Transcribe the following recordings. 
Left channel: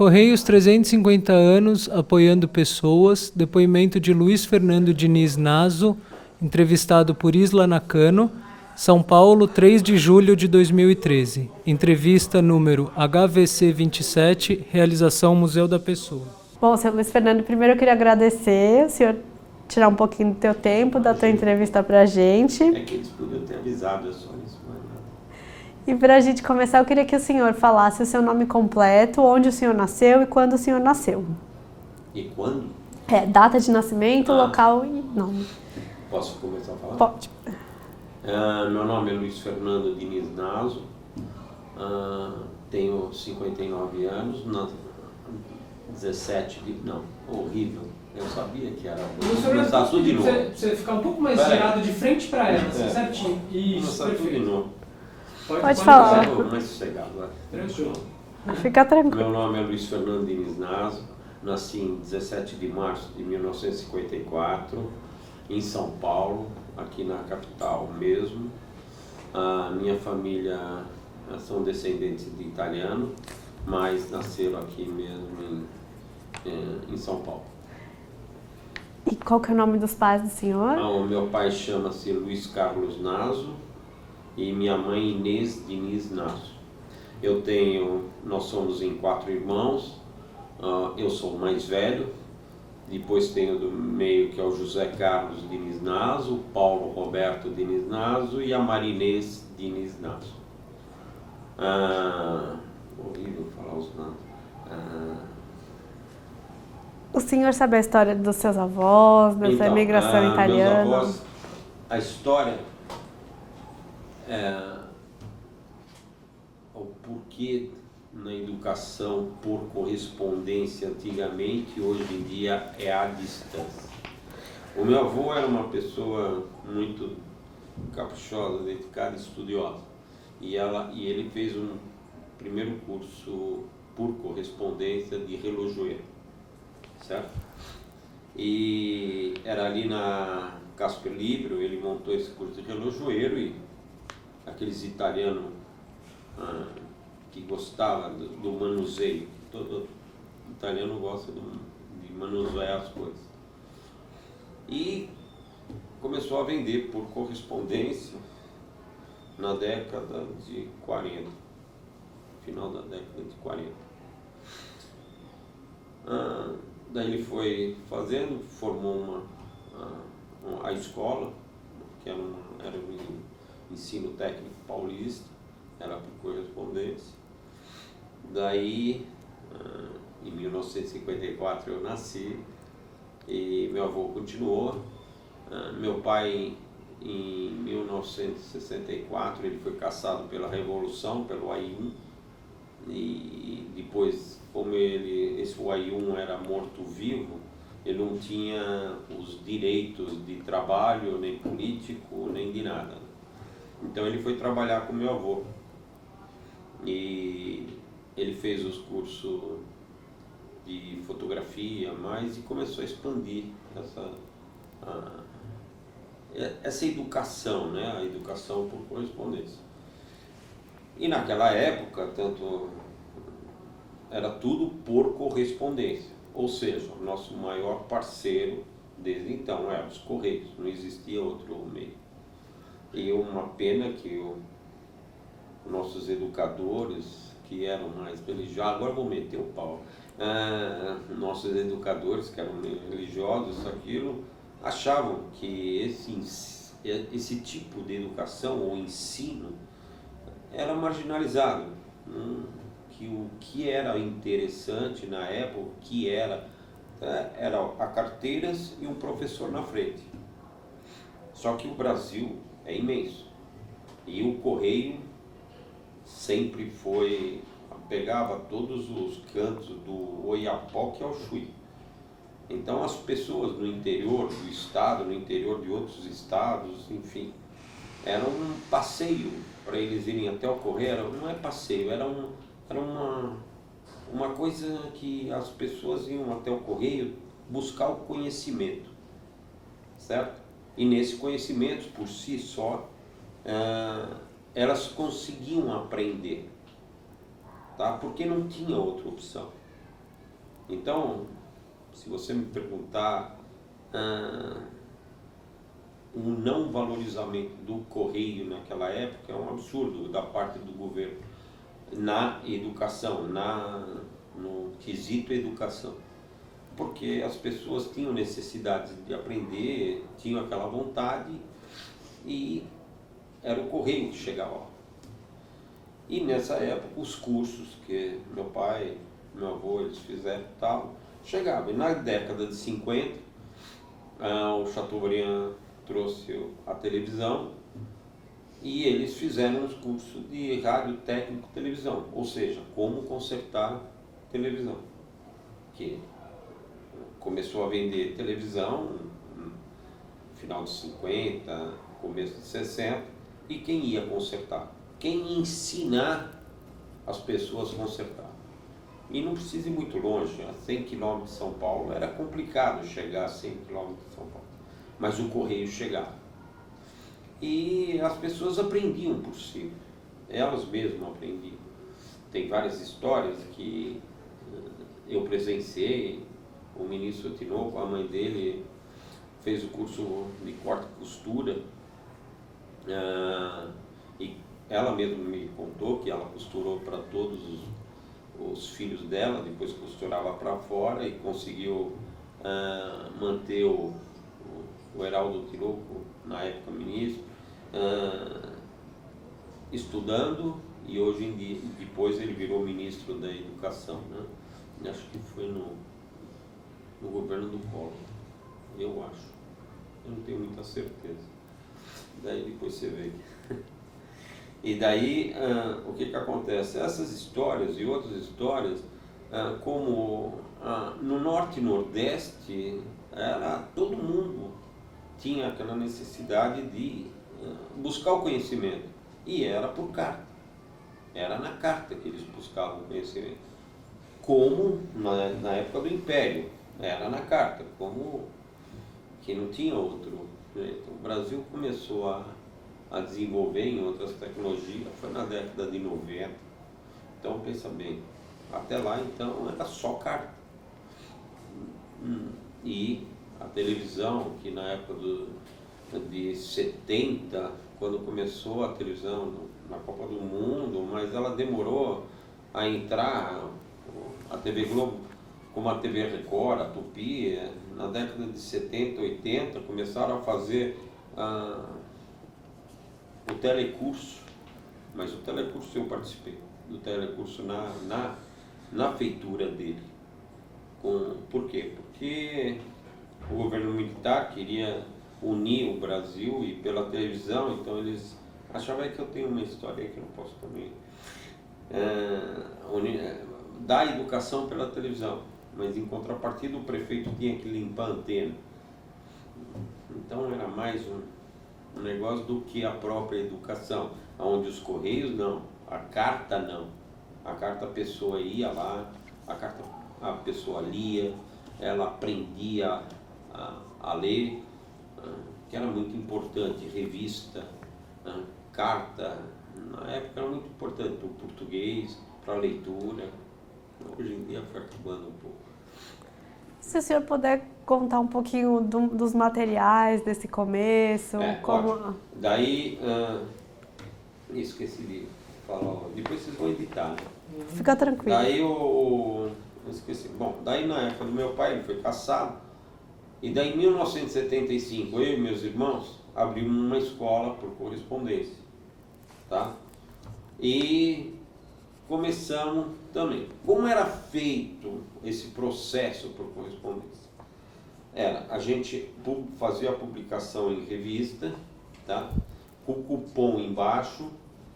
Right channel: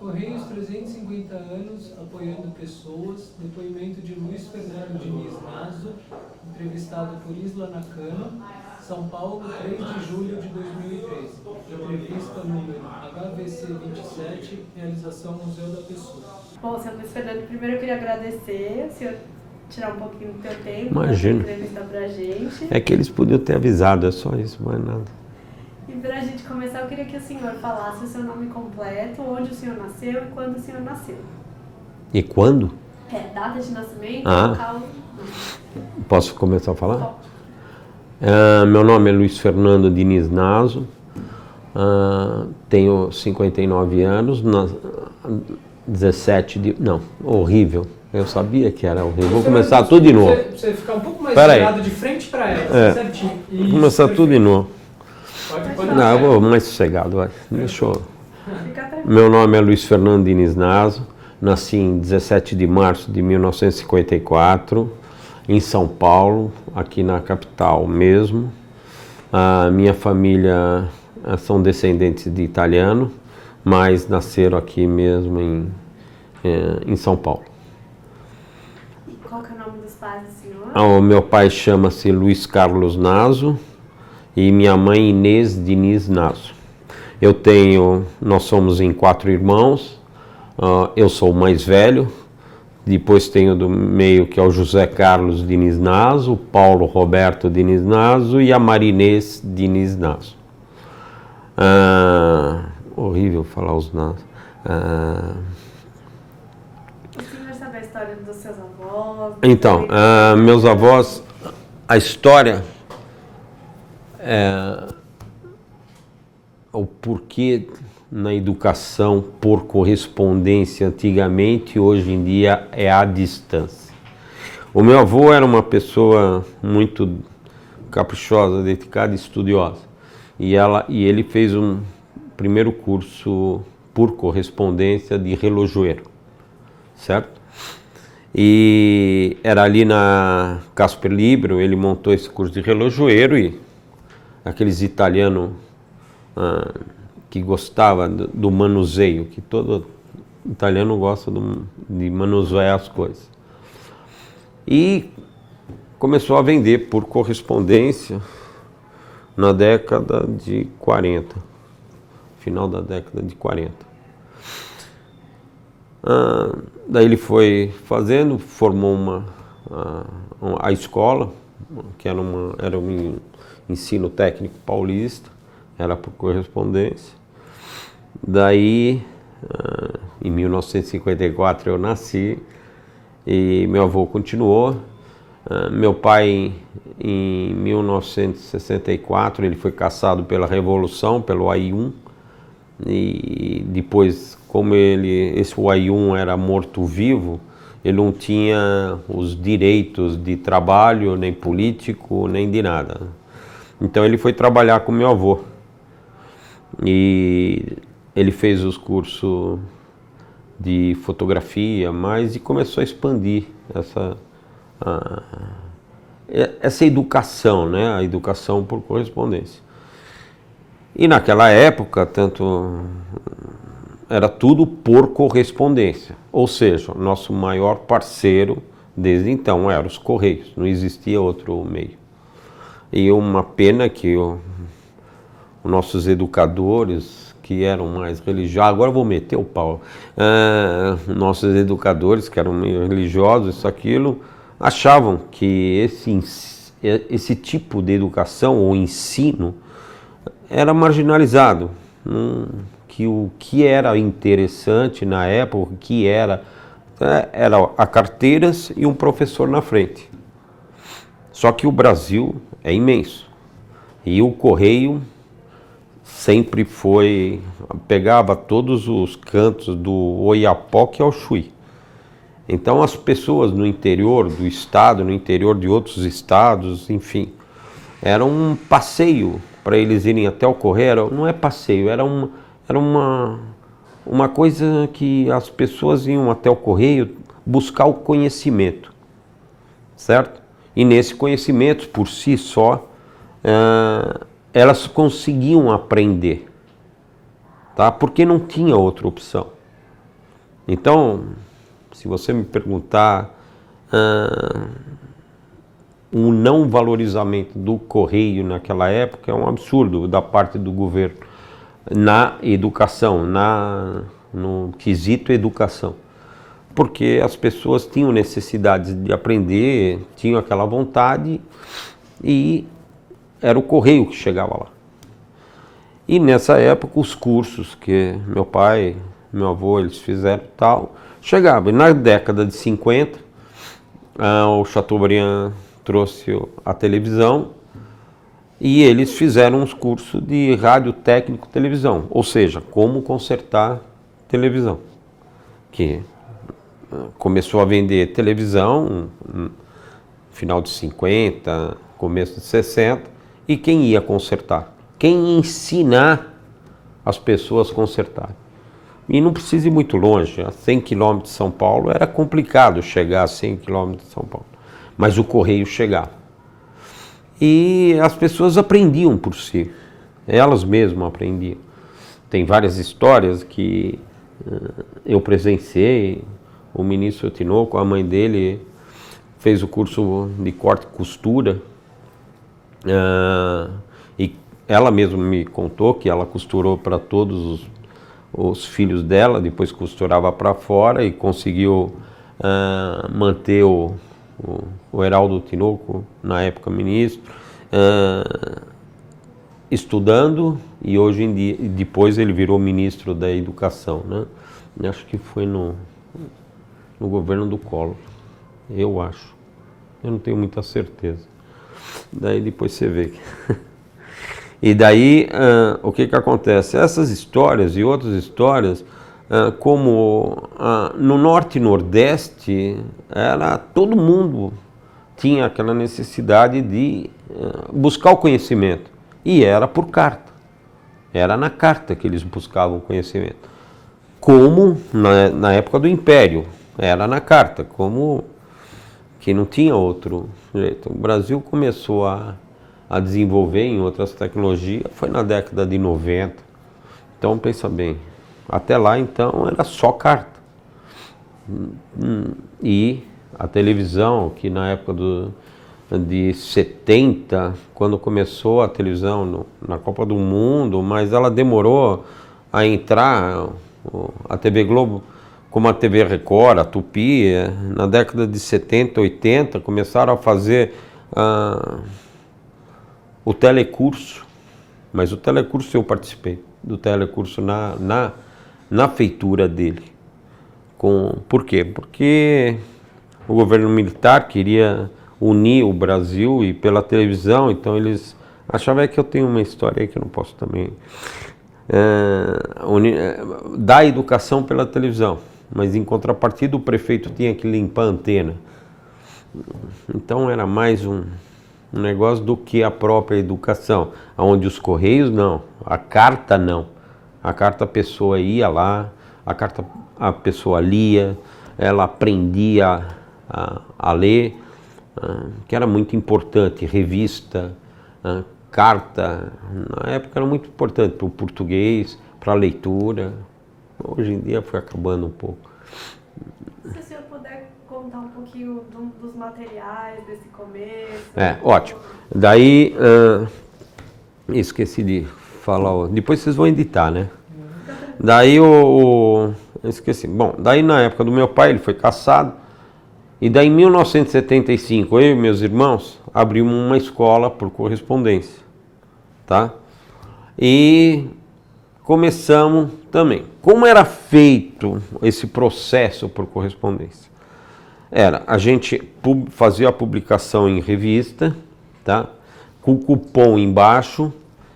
Correios 350 anos apoiando pessoas. Depoimento de Luiz Fernando Diniz Naso, entrevistado por Isla Nakano. São Paulo, 3 de julho de 2013. Entrevista número HVC 27, realização Museu da Pessoa. Bom, seu Luiz Fernando, primeiro eu queria agradecer o senhor tirar um pouquinho do teu tempo, da tua entrevista pra gente. É que eles podiam ter avisado, é só isso, mais nada. E pra gente começar, eu queria que o senhor falasse o seu nome completo, onde o senhor nasceu e quando o senhor nasceu. E quando? Data de nascimento, local e nome. Posso começar a falar? Pode. Meu nome é Luiz Fernando Diniz Naso, tenho 59 anos, 17 de... Não, horrível. Eu sabia que era horrível. Vou começar tudo de novo. Você ficar um pouco mais virado de frente para ela, certinho. Vou começar tudo de novo. Pode falar. Não, vou mais sossegado, vai. Deixa eu... Fica tranquilo. Meu nome é Luiz Fernando Diniz Naso, nasci em 17 de março de 1954, em São Paulo, aqui na capital mesmo. A minha família são descendentes de italiano, mas nasceram aqui mesmo em São Paulo. E qual que é o nome dos pais do senhor? O meu pai chama-se Luiz Carlos Naso e minha mãe Inês Diniz Naso. Nós somos em 4 irmãos, eu sou o mais velho, depois tenho do meio que é o José Carlos Diniz Naso, o Paulo Roberto Diniz Naso e a Marinês Diniz Naso. Horrível falar os Nasos. O senhor sabe a história dos seus avós? Então, meus avós, a história, o porquê na educação por correspondência antigamente, hoje em dia é à distância. O meu avô era uma pessoa muito caprichosa, dedicada e estudiosa. E ele fez um primeiro curso por correspondência de relojoeiro. Certo? E era ali na Casper Libero, ele montou esse curso de relojoeiro e aqueles italianos que gostavam do manuseio, que todo italiano gosta de manusear as coisas. E começou a vender por correspondência na década de 40, final da década de 40. Daí ele foi fazendo, formou a escola, que era um ensino técnico paulista, era por correspondência. Daí, em 1954 eu nasci e meu avô continuou. Meu pai, em 1964, ele foi caçado pela Revolução, pelo AI-1, e depois, como esse AI-1 era morto-vivo, ele não tinha os direitos de trabalho, nem político, nem de nada. Então ele foi trabalhar com meu avô. E ele fez os cursos de fotografia, e começou a expandir essa educação, né? A educação por correspondência. E naquela época, era tudo por correspondência, ou seja, nosso maior parceiro desde então era os Correios, não existia outro meio. E uma pena que os nossos educadores, que eram mais religiosos, agora eu vou meter o pau, nossos educadores que eram meio religiosos, isso, aquilo, achavam que esse tipo de educação ou ensino era marginalizado, que o que era interessante na época, que era a carteiras e um professor na frente. Só que o Brasil é imenso e o Correio sempre pegava todos os cantos do Oiapoque ao Chuí. Então as pessoas no interior do estado, no interior de outros estados, enfim, era um passeio para eles irem até o Correio. Não é passeio, era uma coisa que as pessoas iam até o Correio buscar o conhecimento, certo? E nesse conhecimento, por si só, elas conseguiam aprender, tá? Porque não tinha outra opção. Então, se você me perguntar, o não valorizamento do correio naquela época é um absurdo da parte do governo na educação, no quesito educação. Porque as pessoas tinham necessidade de aprender, tinham aquela vontade e era o correio que chegava lá. E nessa época os cursos que meu pai, meu avô, eles fizeram tal, chegavam. E na década de 50, o Chateaubriand trouxe a televisão e eles fizeram uns cursos de rádio técnico televisão, ou seja, como consertar televisão, que começou a vender televisão no final de 50, começo de 60, e quem ia consertar? Quem ia ensinar as pessoas a consertarem? E não precisa ir muito longe, a 100 km de São Paulo era complicado chegar a 100 km de São Paulo, mas o correio chegava. E as pessoas aprendiam por si, elas mesmas aprendiam. Tem várias histórias que eu presenciei. O ministro Tinoco, a mãe dele, fez o curso de corte e costura. E ela mesma me contou que ela costurou para todos os filhos dela, depois costurava para fora e conseguiu manter o Heraldo Tinoco, na época ministro, estudando, e hoje em dia, depois ele virou ministro da Educação, né? Acho que foi no governo do Collor, eu acho. Eu não tenho muita certeza. Daí depois você vê. E daí, o que acontece? Essas histórias e outras histórias, como no Norte e Nordeste, todo mundo tinha aquela necessidade de buscar o conhecimento. E era por carta. Era na carta que eles buscavam o conhecimento. Como na época do Império. Era na carta, como que não tinha outro jeito. O Brasil começou a desenvolver em outras tecnologias, foi na década de 90. Então, pensa bem, até lá, então, era só carta. E a televisão, que na época de 70, quando começou a televisão na Copa do Mundo, mas ela demorou a entrar, a TV Globo, como a TV Record, a Tupi, na década de 70, 80, começaram a fazer o telecurso, mas o telecurso eu participei, do telecurso na feitura dele. Por quê? Porque o governo militar queria unir o Brasil e pela televisão, então eles achavam que eu tenho uma história aí que eu não posso também dar educação pela televisão, mas em contrapartida o prefeito tinha que limpar a antena. Então era mais um negócio do que a própria educação, onde os correios não, a carta não. A carta a pessoa ia lá, a carta a pessoa lia, ela aprendia a ler, que era muito importante, revista, carta, na época era muito importante para o português, para a leitura. Hoje em dia foi acabando um pouco. Se o senhor puder contar um pouquinho dos materiais desse começo. Ótimo. Daí, esqueci de falar, depois vocês vão editar, né? Fica tranquilo. Daí esqueci. Bom, daí na época do meu pai, ele foi cassado, e daí em 1975, eu e meus irmãos abrimos uma escola por correspondência, tá? E começamos também. Como era feito esse processo por correspondência? A gente fazia a publicação em revista, tá? Com cupom embaixo.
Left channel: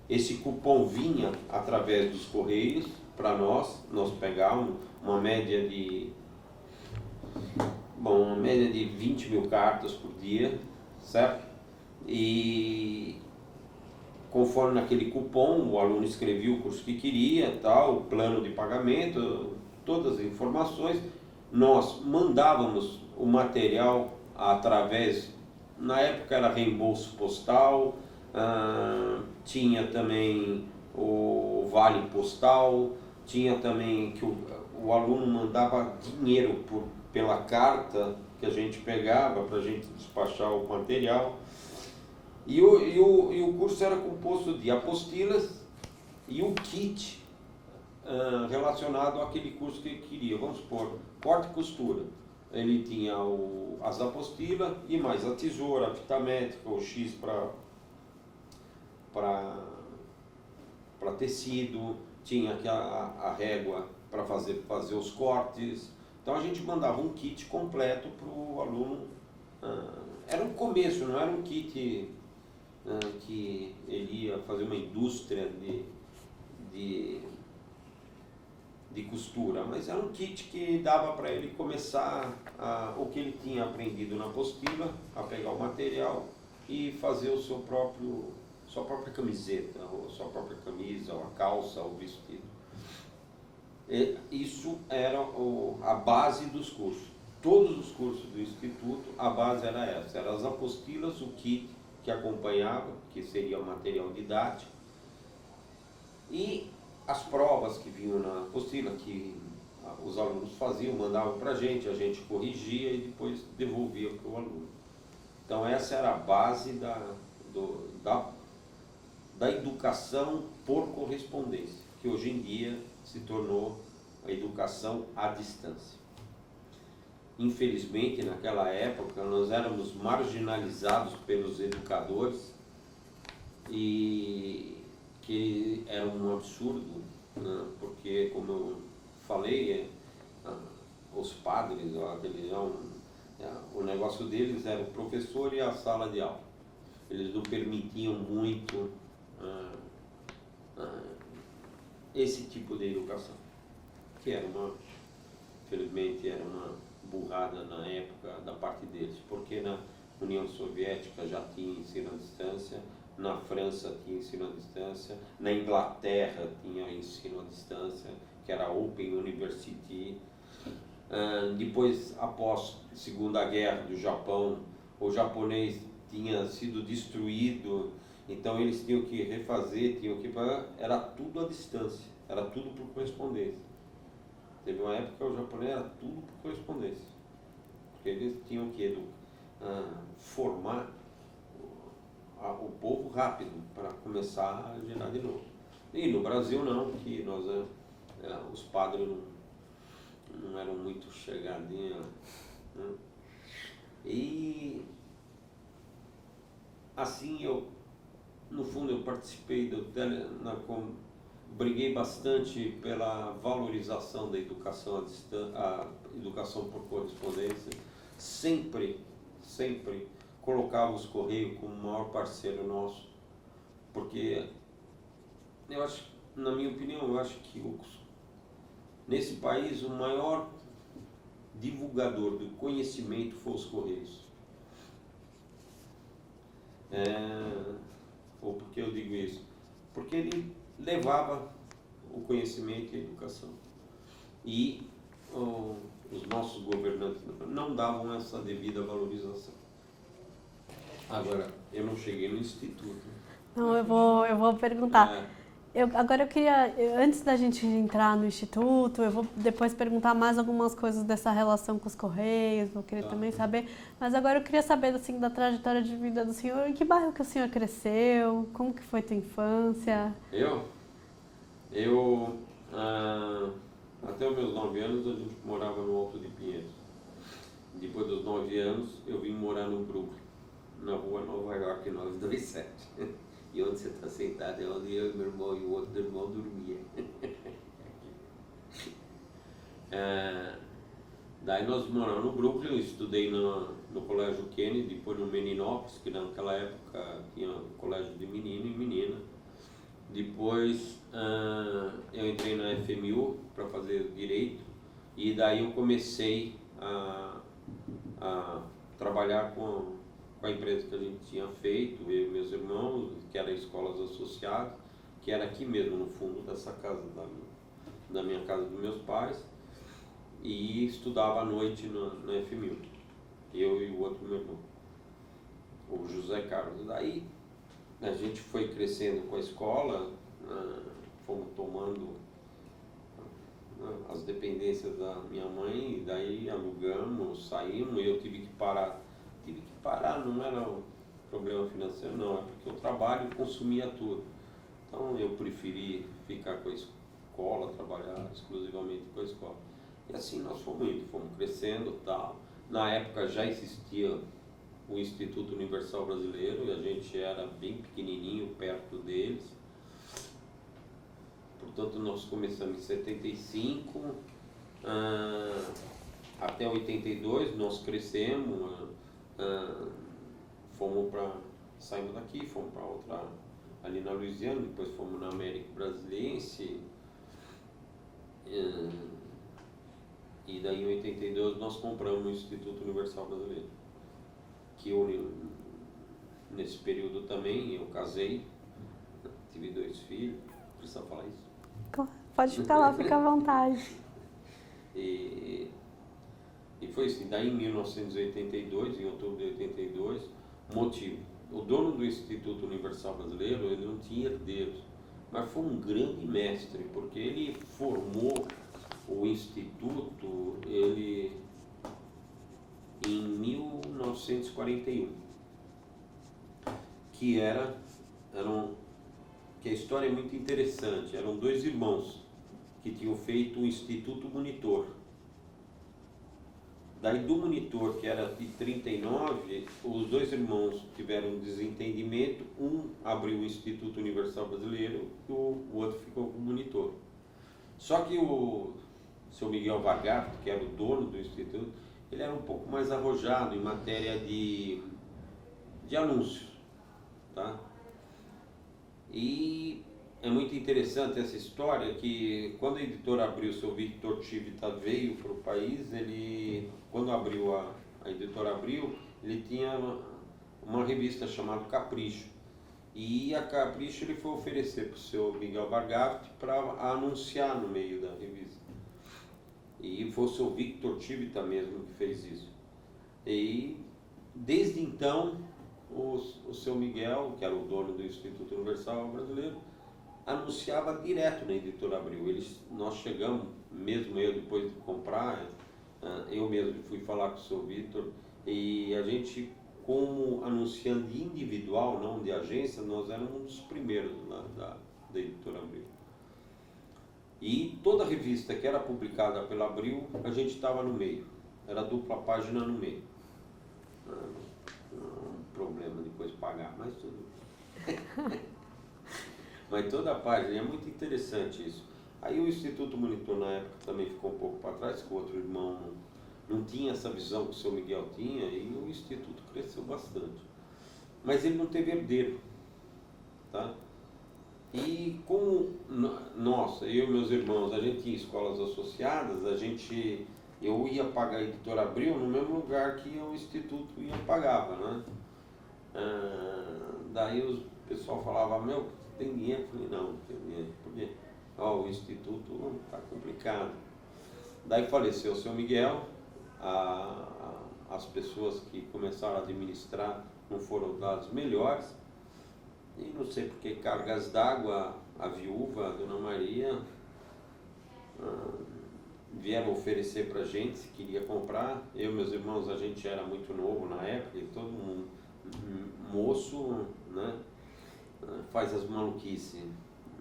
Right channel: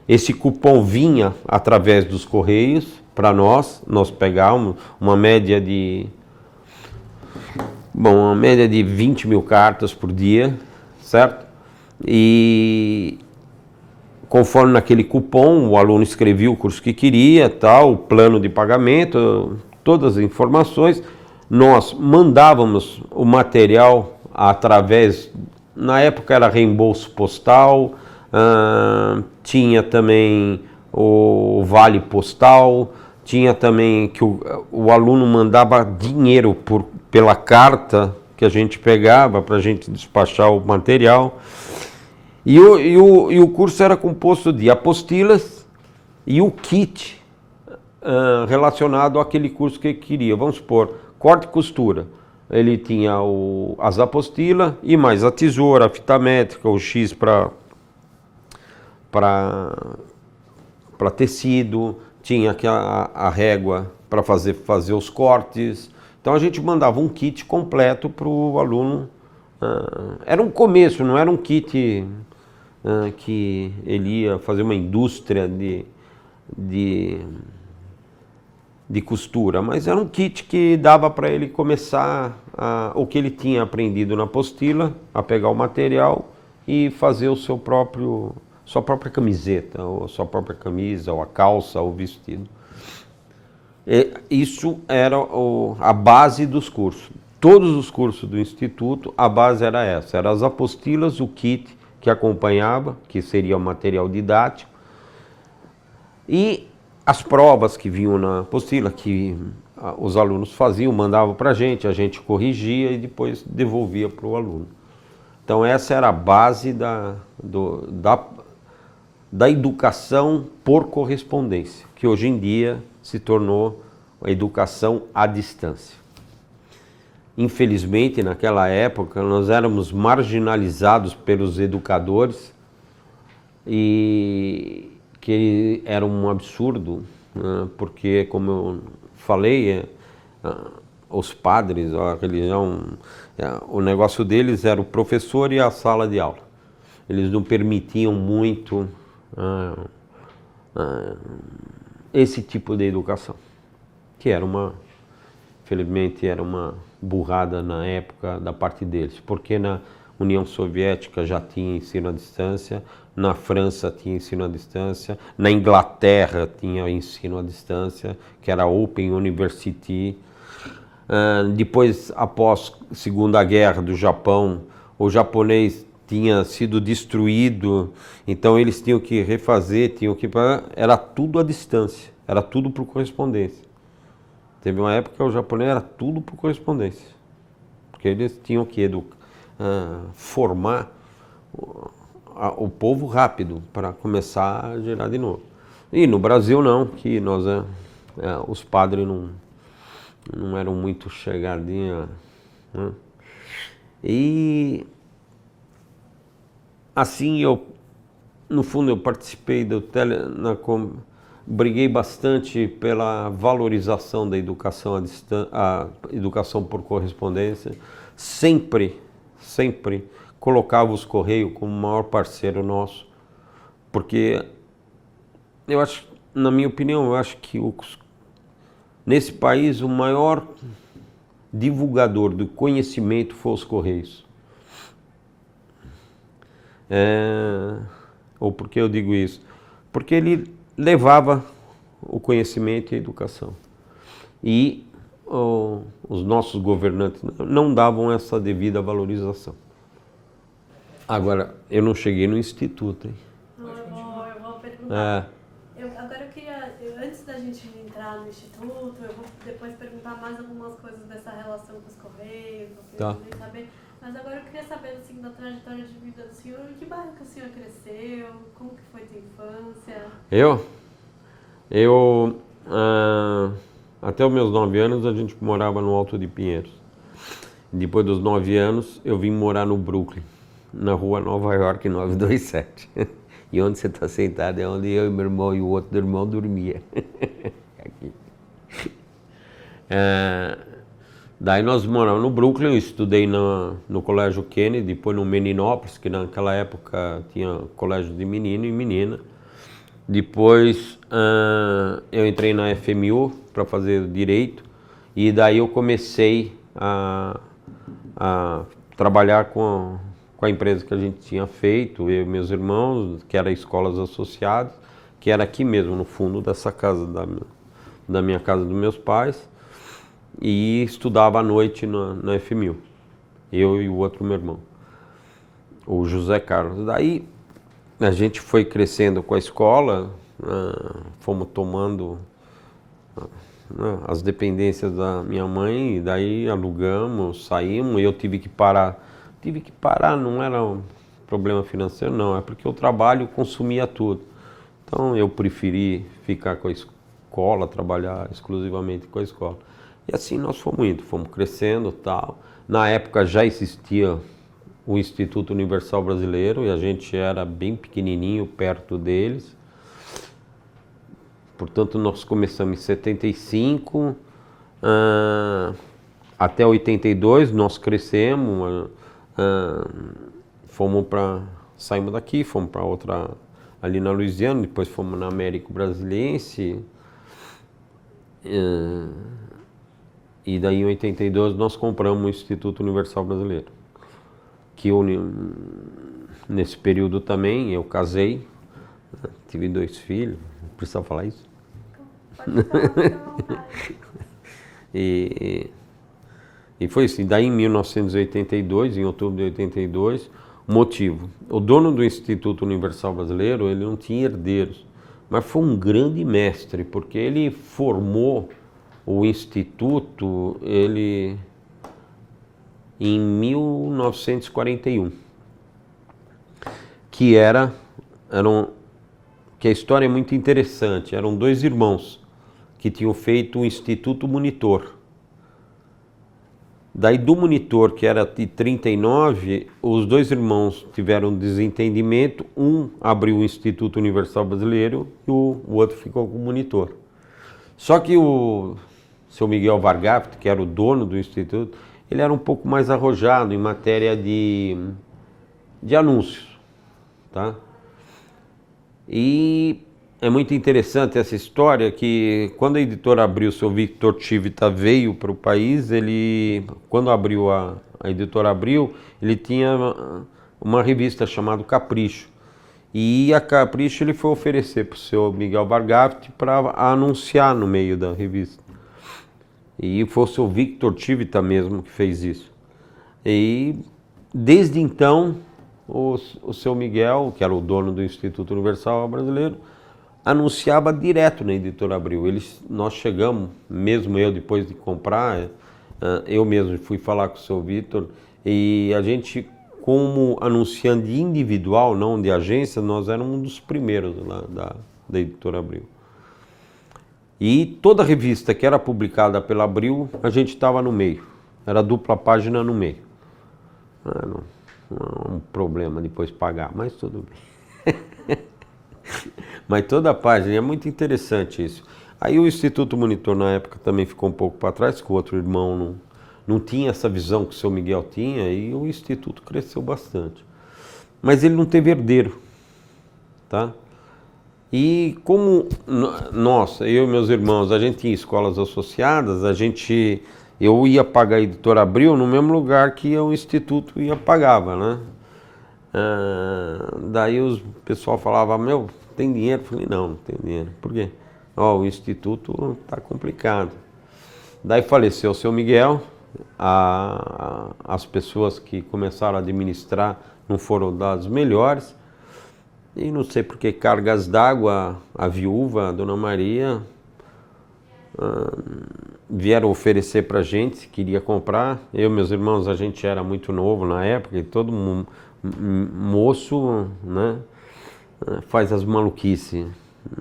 Esse cupom vinha através dos correios para nós pegávamos uma média de 20 mil cartas por dia, certo? E conforme naquele cupom, o aluno escrevia o curso que queria, tal, o plano de pagamento, todas as informações. Nós mandávamos o material através, na época era reembolso postal, tinha também o vale postal, Tinha também que o aluno mandava dinheiro pela carta que a gente pegava para a gente despachar o material. E o curso era composto de apostilas e o kit relacionado àquele curso que ele queria. Vamos supor, corte e costura. Ele tinha as apostilas e mais a tesoura, a fita métrica, o X para tecido, tinha a régua para fazer os cortes. Então a gente mandava um kit completo para o aluno. Era um começo, não era um kit que ele ia fazer uma indústria de costura, mas era um kit que dava para ele começar o que ele tinha aprendido na apostila, a pegar o material e fazer o sua própria camiseta, ou sua própria camisa, ou a calça, ou o vestido. Isso era a base dos cursos. Todos os cursos do Instituto, a base era essa, eram as apostilas, o kit que acompanhava, que seria o material didático, e as provas que vinham na apostila, que os alunos faziam, mandavam para a gente corrigia e depois devolvia para o aluno. Então essa era a base da educação por correspondência, que hoje em dia se tornou a educação à distância. Infelizmente, naquela época, nós éramos marginalizados pelos educadores e que era um absurdo, né? Porque, como eu falei, os padres, a religião, o negócio deles era o professor e a sala de aula. Eles não permitiam muito esse tipo de educação, que infelizmente, era uma burrada na época da parte deles, porque na União Soviética já tinha ensino à distância, na França tinha ensino à distância, na Inglaterra tinha ensino à distância, que era Open University. Depois, após a Segunda Guerra do Japão, o japonês tinha sido destruído, então eles tinham que refazer, era tudo à distância, era tudo por correspondência. Teve uma época que o japonês era tudo por correspondência, porque eles tinham que formar o povo rápido para começar a gerar de novo. E no Brasil não, que os padres não eram muito chegadinhos, né? E assim no fundo eu participei briguei bastante pela valorização da educação a educação por correspondência. Sempre colocava os Correios como o maior parceiro nosso, porque eu acho, na minha opinião, eu acho que nesse país o maior divulgador do conhecimento foi os Correios. Ou por que eu digo isso? Porque ele levava o conhecimento e a educação. E os nossos governantes não davam essa devida valorização. Agora, eu não cheguei no Instituto, hein? Não, eu vou perguntar. Agora eu queria, antes da gente entrar no Instituto, eu vou depois perguntar mais algumas coisas dessa relação com os Correios, eu queria também saber, mas agora eu queria saber assim, da trajetória de vida do senhor, em que bairro que o senhor cresceu, como que foi tua infância? Eu até os meus 9 anos a gente morava no Alto de Pinheiros. Depois dos 9 anos eu vim morar no Brooklyn, na rua Nova York 927. E onde você está sentado é onde eu e meu irmão e o outro irmão dormia. Aqui. Daí nós moramos no Brooklyn, eu estudei no Colégio Kennedy, depois no Meninópolis, que naquela época tinha colégio de menino e menina. Depois eu entrei na FMU para fazer Direito, e daí eu comecei a trabalhar com a empresa que a gente tinha feito, eu e meus irmãos, que era Escolas Associadas, que era aqui mesmo, no fundo dessa casa, da minha casa dos meus pais, e estudava à noite na FMU, eu e o outro meu irmão, o José Carlos. Daí a gente foi crescendo com a escola, fomos tomando né, as dependências da minha mãe, e daí alugamos, saímos, e eu tive que parar. Tive que parar, não era um problema financeiro, não, é porque o trabalho consumia tudo. Então eu preferi ficar com a escola, trabalhar exclusivamente com a escola. E assim nós fomos indo, fomos crescendo, tal. Na época já existia o Instituto Universal Brasileiro e a gente era bem pequenininho perto deles. Portanto, nós começamos em 75, até 82 nós crescemos, saímos daqui, fomos para outra ali na Louisiana, depois fomos na Américo Brasiliense, e daí em 82 nós compramos o Instituto Universal Brasileiro, que nesse período também eu casei, tive 2 filhos, precisa falar isso? Pode ficar lá, fica à vontade. E foi assim, daí em 1982, em outubro de 82, motivo, o dono do Instituto Universal Brasileiro, ele não tinha herdeiros, mas foi um grande mestre, porque ele formou o Instituto, em 1941, que que a história é muito interessante, eram 2 irmãos que tinham feito o Instituto Monitor. Daí do Monitor, que era de 39, os 2 irmãos tiveram um desentendimento, um abriu o Instituto Universal Brasileiro e o outro ficou com o Monitor. Só que o seu Miguel Vargafto, que era o dono do Instituto, ele era um pouco mais arrojado em matéria de anúncios, tá? E é muito interessante essa história que quando a editora abriu, o seu Victor Chivita veio para o país, quando abriu a editora abriu, ele tinha uma revista chamada Capricho. E a Capricho ele foi oferecer para o seu Miguel Vargafto para anunciar no meio da revista. E foi o seu Victor Chivita mesmo que fez isso. E desde então, o seu Miguel, que era o dono do Instituto Universal Brasileiro, anunciava direto na editora Abril. Nós chegamos, mesmo eu depois de comprar, eu mesmo fui falar com o seu Vitor, e a gente, como anunciante individual, não de agência, nós éramos um dos primeiros lá da editora Abril. E toda revista que era publicada pela Abril, a gente estava no meio, era dupla página no meio. Não é um problema depois pagar, mas tudo bem. Mas toda a página, é muito interessante isso. Aí o Instituto Monitor na época também ficou um pouco para trás, que o outro irmão não tinha essa visão que o seu Miguel tinha, e o Instituto cresceu bastante. Mas ele não teve herdeiro, tá? E como nós, eu e meus irmãos, a gente tinha escolas associadas, eu ia pagar a editora Abril no mesmo lugar que o Instituto pagava, né? Daí o pessoal falava, meu, tem dinheiro? Eu falei, não tem dinheiro. Por quê? O Instituto está complicado. Daí faleceu o seu Miguel, as pessoas que começaram a administrar não foram das melhores, e não sei por que cargas d'água, a viúva, a Dona Maria, vieram oferecer para a gente se queria comprar. Eu e meus irmãos, a gente era muito novo na época, e todo mundo, moço, né, faz as maluquices,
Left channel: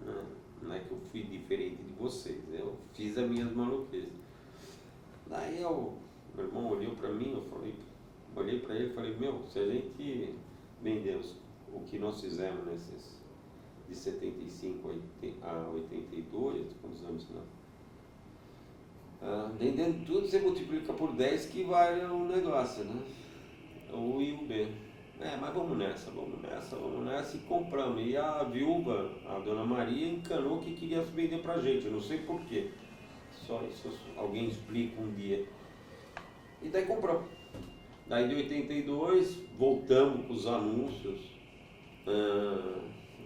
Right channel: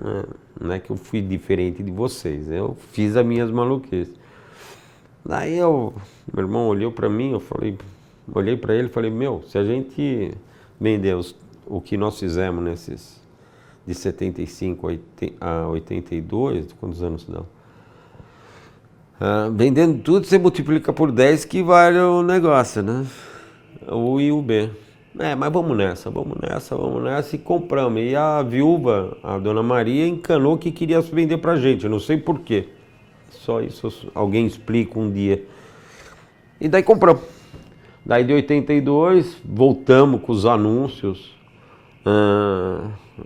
né? Não é que eu fui diferente de vocês, eu fiz as minhas maluquices. Daí meu irmão olhou para mim, olhei para ele e falei, meu, se a gente vender o que nós fizemos de 75 a 82, quantos anos dão? Vendendo tudo, você multiplica por 10 que vale o negócio, né? O I e o B. Mas vamos nessa, e compramos. E a viúva, a Dona Maria, encanou que queria vender pra gente, eu não sei porquê. Só isso alguém explica um dia. E daí compramos. Daí de 82, voltamos com os anúncios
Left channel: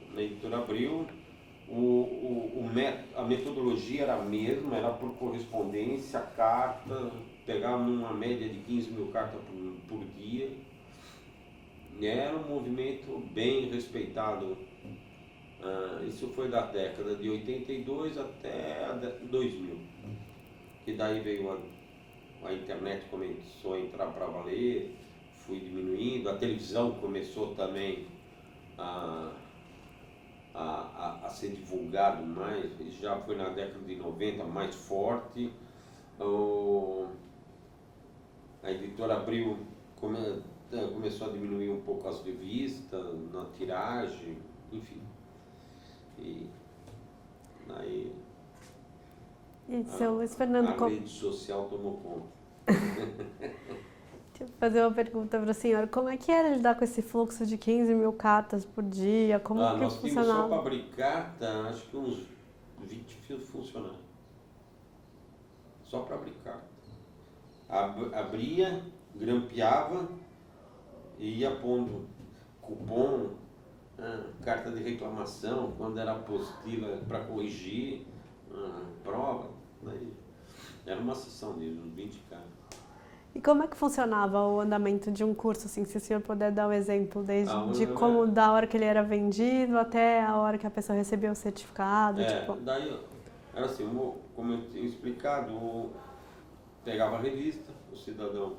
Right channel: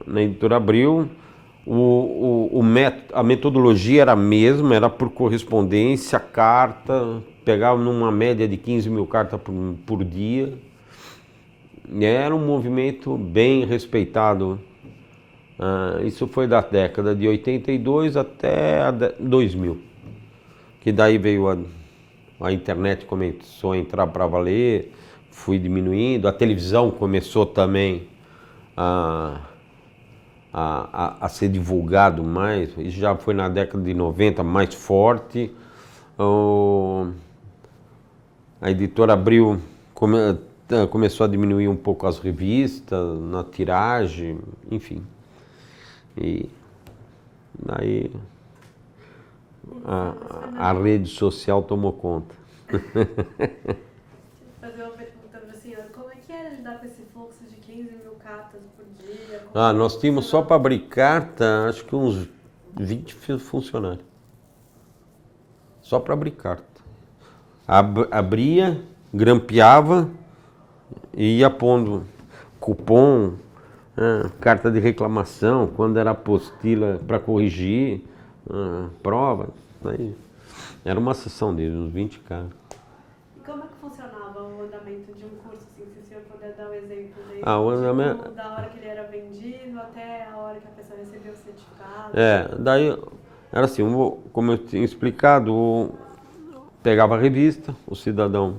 na editora Abril. A metodologia era a mesma, era por correspondência, carta, pegava numa média de 15 mil cartas por dia. Era um movimento bem respeitado. Isso foi da década de 82 até 2000. que daí veio a internet, começou a entrar para valer, fui diminuindo, a televisão começou também a ser divulgado mais, isso já foi na década de 90 mais forte. A editora Abril começou a diminuir um pouco as revistas, na tiragem, enfim. E daí a rede social tomou conta. Deixa eu fazer uma pergunta para a senhora. Como é que era lidar com esse fluxo de 15 mil cartas por dia? Nós tínhamos só para abrir carta, acho que uns 20 funcionários. Só para abrir carta. Abria, grampeava e ia pondo cupom, carta de reclamação, quando era apostila para corrigir, prova. Aí era uma sessão deles, uns 20 caras. E como é que funcionava o andamento de um curso, assim, se o senhor puder dar um exemplo, desde como da hora que ele era vendido até a hora que a pessoa recebeu o certificado? Daí era assim, como eu tinha explicado, pegava a revista, o cidadão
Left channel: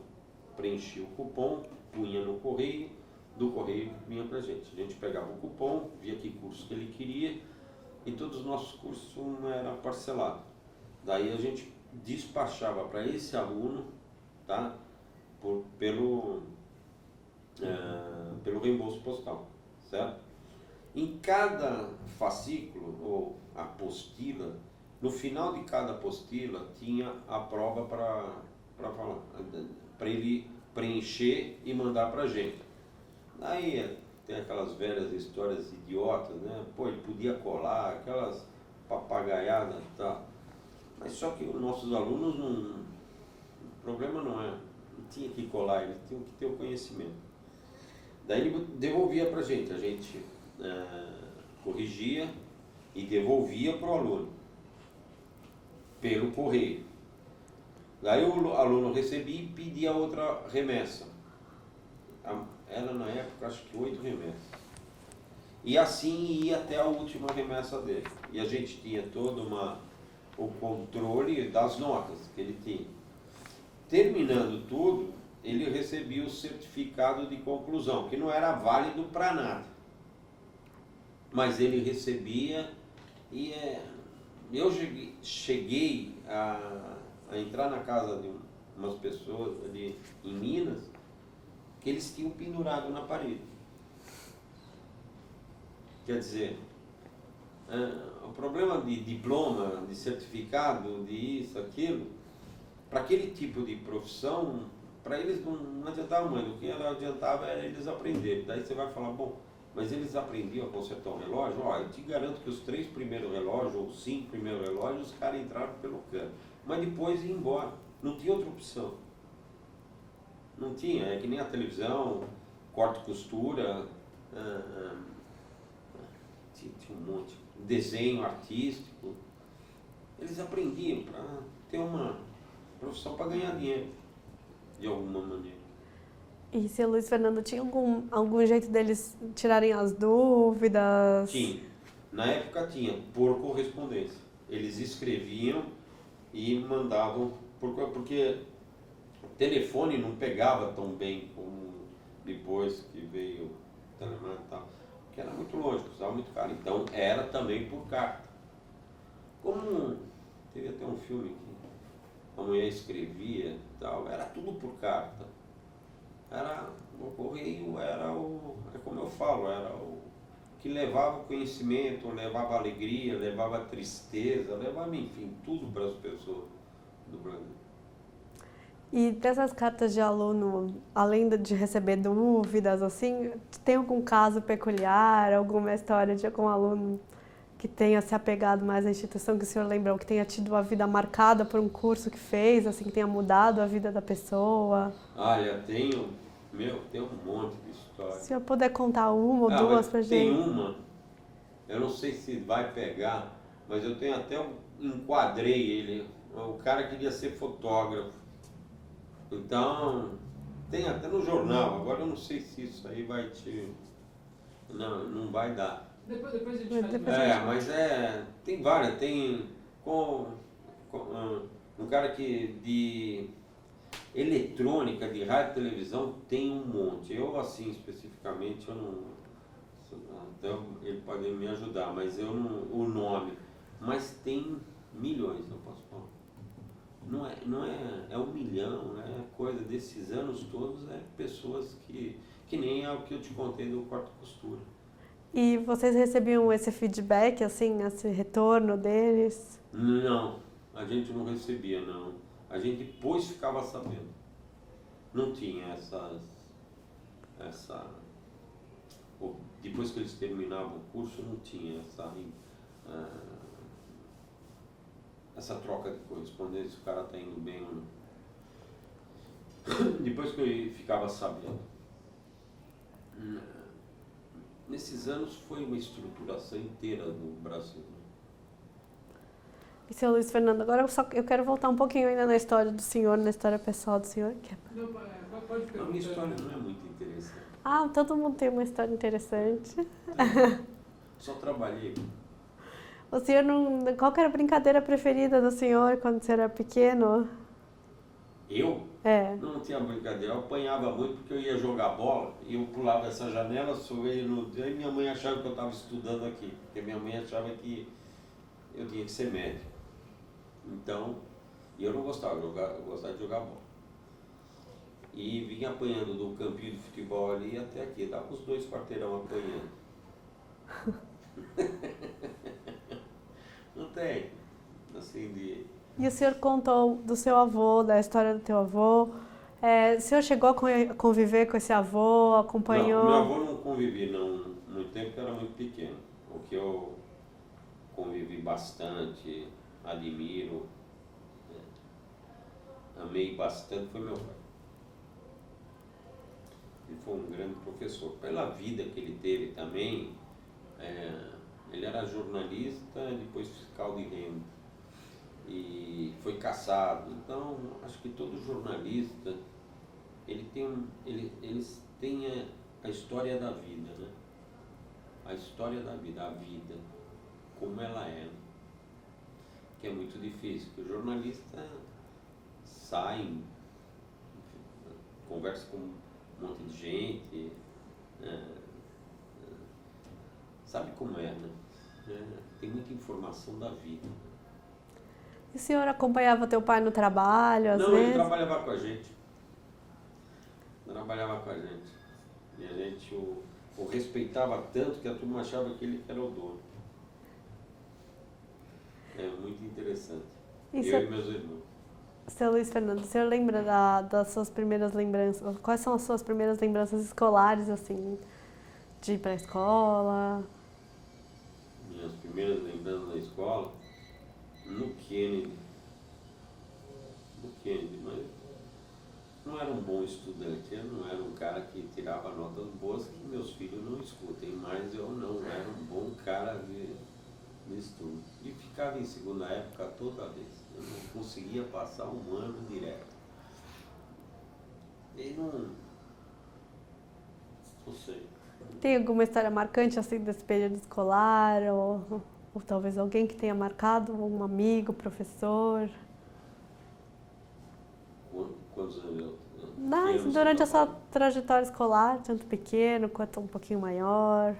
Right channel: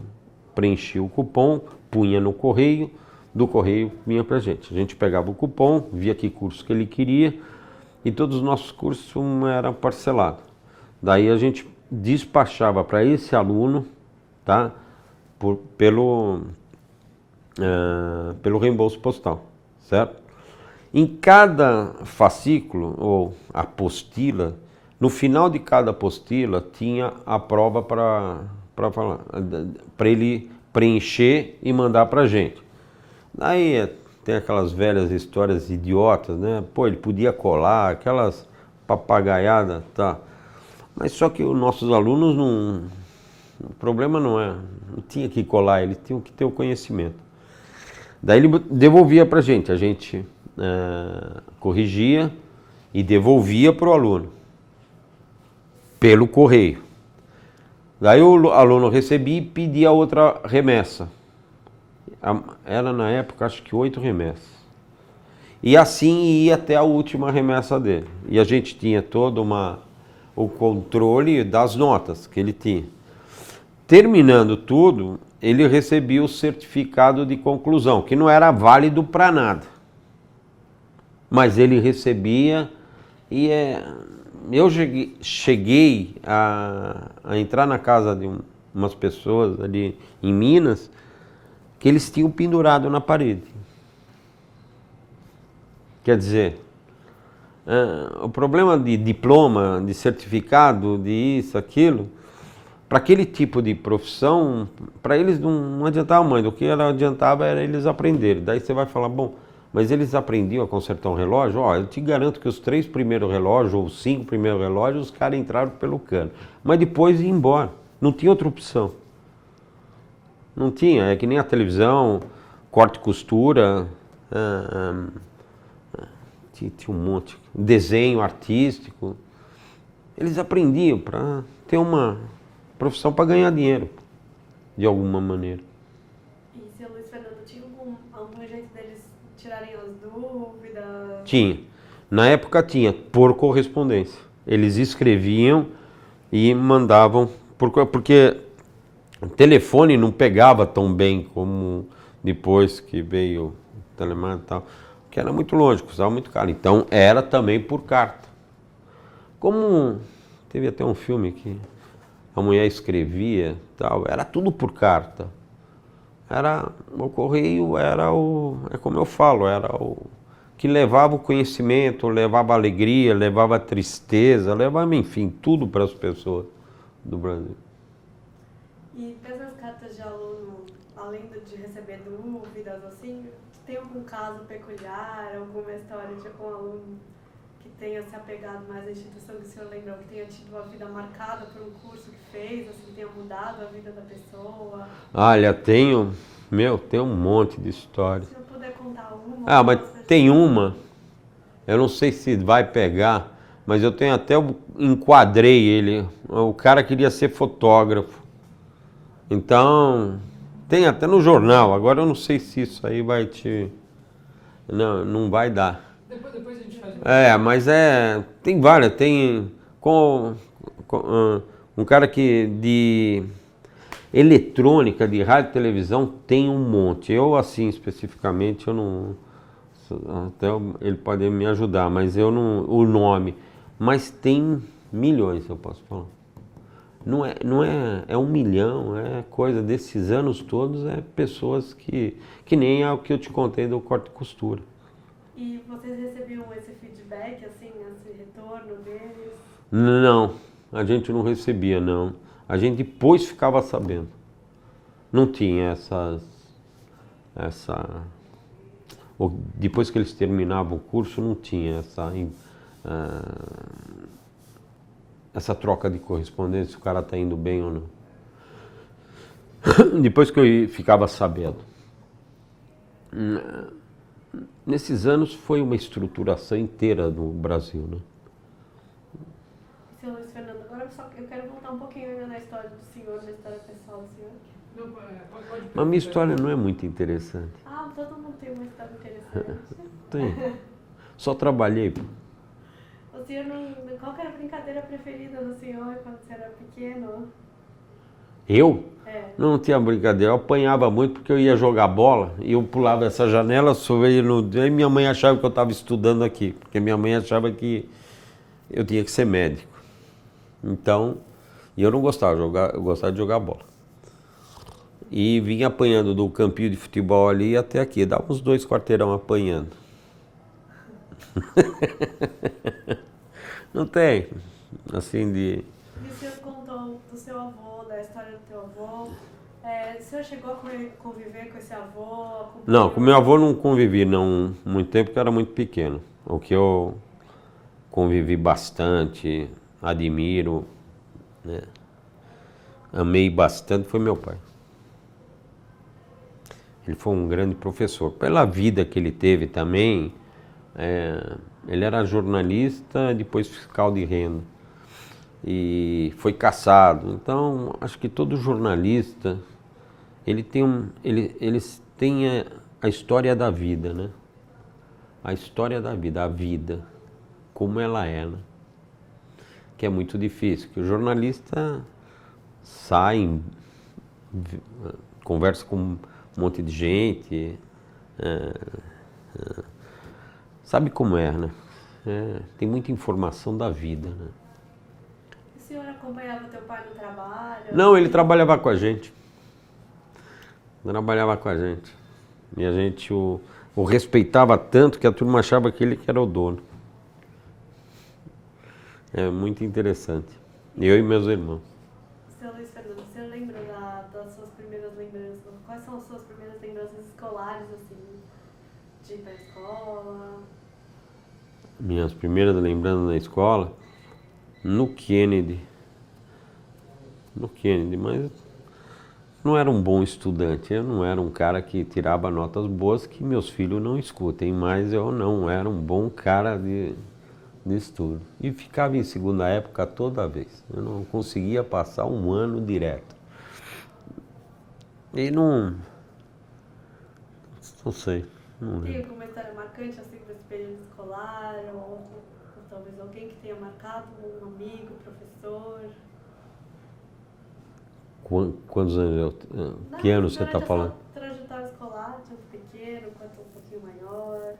preenchia o cupom, punha no correio, do correio vinha pra gente. A gente pegava o cupom, via que curso que ele queria e todos os nossos cursos eram parcelados. Daí a gente despachava para esse aluno, tá? Pelo reembolso postal, certo? Em cada fascículo ou apostila, no final de cada apostila tinha a prova para ele preencher e mandar para a gente. Daí tem aquelas velhas histórias idiotas, né? Pô, ele podia colar, aquelas papagaiadas, tá? Mas só que os nossos alunos não... O problema não tinha que colar, eles tinham que ter o conhecimento. Daí ele devolvia para a gente corrigia e devolvia para o aluno, pelo correio. Daí o aluno recebia e pedia outra remessa. Era na época acho que 8 remessas. E assim ia até a última remessa dele. E a gente tinha todo o controle das notas que ele tinha. Terminando tudo, ele recebia o certificado de conclusão, que não era válido para nada. Mas ele recebia e eu cheguei a entrar na casa de umas pessoas ali em Minas que eles tinham pendurado na parede. Quer dizer, o problema de diploma, de certificado, de isso, aquilo, para aquele tipo de profissão, para eles não adiantava muito. O que adiantava era eles aprenderem. Daí você vai falar, bom, mas eles aprendiam a consertar um relógio? Eu te garanto que os 3 primeiros relógios, ou os 5 primeiros relógios, os caras entraram pelo cano. Mas depois ia embora. Não tinha outra opção. Não tinha. É que nem a televisão, corte e costura, tinha um monte. Desenho artístico. Eles aprendiam para ter uma profissão para ganhar dinheiro, de alguma maneira. E seu Luiz Fernando, tinha algum jeito deles tirarem as dúvidas? Tinha. Na época tinha, por correspondência. Eles escreviam e mandavam, porque o telefone não pegava tão bem como depois que veio o telemarketing e tal, que era muito longe, custava muito caro. Então era também por carta. Como teve até um filme que a mulher escrevia, tal, era tudo por carta. O correio é como eu falo, era o que levava o conhecimento, levava a alegria, levava a tristeza, levava, enfim, tudo para as pessoas do Brasil. E dessas cartas de aluno, além de receber dúvidas, assim, tem algum caso peculiar, alguma história de algum aluno que tenha se apegado mais à instituição, que o senhor lembra, que tenha tido a vida marcada por um curso que fez, assim, que tenha mudado a vida da pessoa? Olha, tem um monte de história. Se o senhor puder contar uma, mas tem uma, eu não sei se vai pegar, mas eu enquadrei ele, o cara queria ser fotógrafo. Então, tem até no jornal, agora eu não sei se isso aí vai não vai dar. Depois a gente faz. Mas tem várias, tem Um cara que de eletrônica, de rádio e televisão, tem um monte. Eu, assim, especificamente, eu não... Até ele pode me ajudar, mas eu não... O nome. Mas tem milhões, eu posso falar. É 1 milhão, é coisa desses anos todos, é pessoas que nem é o que eu te contei do corte e costura. E vocês recebiam esse feedback, assim, esse retorno deles? Não, a gente não recebia, não. A gente depois ficava sabendo. Não tinha depois que eles terminavam o curso, não tinha essa troca de correspondência, se o cara está indo bem ou não. Depois que eu ficava sabendo. Nesses anos foi uma estruturação inteira do Brasil, né? E seu Luiz Fernando, agora eu quero voltar um pouquinho ainda na história do senhor, na história pessoal do senhor. A minha história não é muito interessante. Ah, todo mundo tem uma história interessante. Tem. Só trabalhei. O senhor não... Qual que era a brincadeira preferida do senhor quando você era pequeno? Eu? É. Não tinha brincadeira. Eu apanhava muito porque eu ia jogar bola e eu pulava essa janela, subia no... Aí minha mãe achava que eu estava estudando aqui, porque minha mãe achava que eu tinha que ser médico. Então, eu não gostava de jogar, eu gostava de jogar bola. E vinha apanhando do campinho de futebol ali até aqui, dava uns 2 quarteirão apanhando. Não tem, assim de... E o senhor contou do seu avô, da história do teu avô. O senhor chegou a conviver com esse avô, acompanhou? Não, com meu avô não convivi não muito tempo, porque eu era muito pequeno. O que eu convivi bastante, admiro, né? Amei bastante foi meu pai. Ele foi um grande professor. Pela vida que ele teve também, ele era jornalista, depois fiscal de renda. E foi cassado. Então, acho que todo jornalista, eles têm a história da vida, né? A história da vida, a vida, como ela é, né? Que é muito difícil, que o jornalista sai, conversa com um monte de gente, sabe como é, né? Tem muita informação da vida, né? E o senhor acompanhava teu pai no trabalho? Não, ele trabalhava com a gente. Trabalhava com a gente. E a gente o respeitava tanto que a turma achava que ele que era o dono. É muito interessante. Eu e meus irmãos. Seu Luiz Fernando, o senhor lembra das suas primeiras lembranças? Quais são as suas primeiras lembranças escolares, assim, de ir para a escola? Minhas primeiras lembranças na escola, no Kennedy, mas não era um bom estudante, eu não era um cara que tirava notas boas que meus filhos não escutem, mas eu não era um bom cara de estudo. E ficava em segunda época toda vez, eu não conseguia passar um ano direto. E não sei. Tem alguma história marcante assim desse período escolar? Ou talvez alguém que tenha marcado, um amigo, professor? Quantos anos que ano você está falando? Durante essa trajetória escolar, tanto pequeno quanto um pouquinho maior?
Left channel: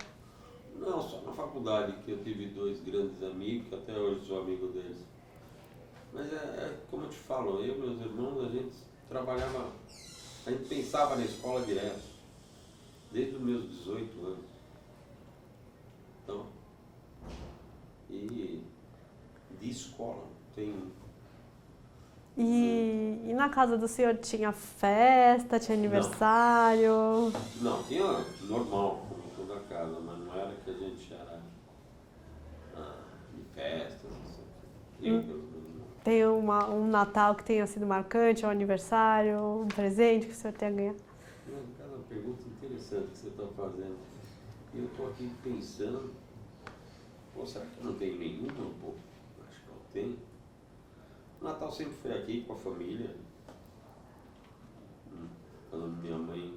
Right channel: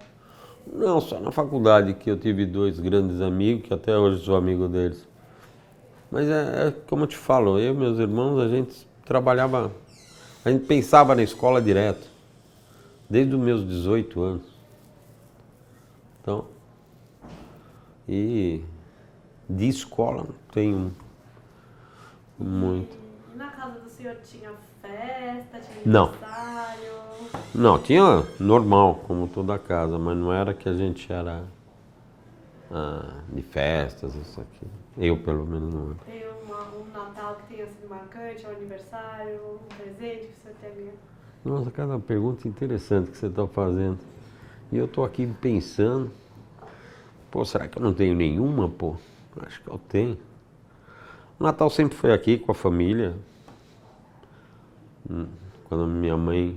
Não, só na faculdade que eu tive 2 grandes amigos, que até hoje sou amigo deles. Mas como eu te falo, eu e meus irmãos, a gente trabalhava, a gente pensava na escola direto, desde os meus 18 anos. Então, e de escola tenho muito. E na casa do senhor tinha festa, tinha aniversário? Não, tinha normal, como toda casa, mas não era que a gente era de festas, isso aqui. Eu, pelo menos, não. Tem um Natal que tenha sido marcante, um aniversário, um presente que o senhor tenha ganhado? Nossa, cada pergunta interessante que você está fazendo. E eu estou aqui pensando, pô, será que eu não tenho nenhuma, pô? Acho que eu tenho. O Natal sempre foi aqui com a família. Quando minha mãe,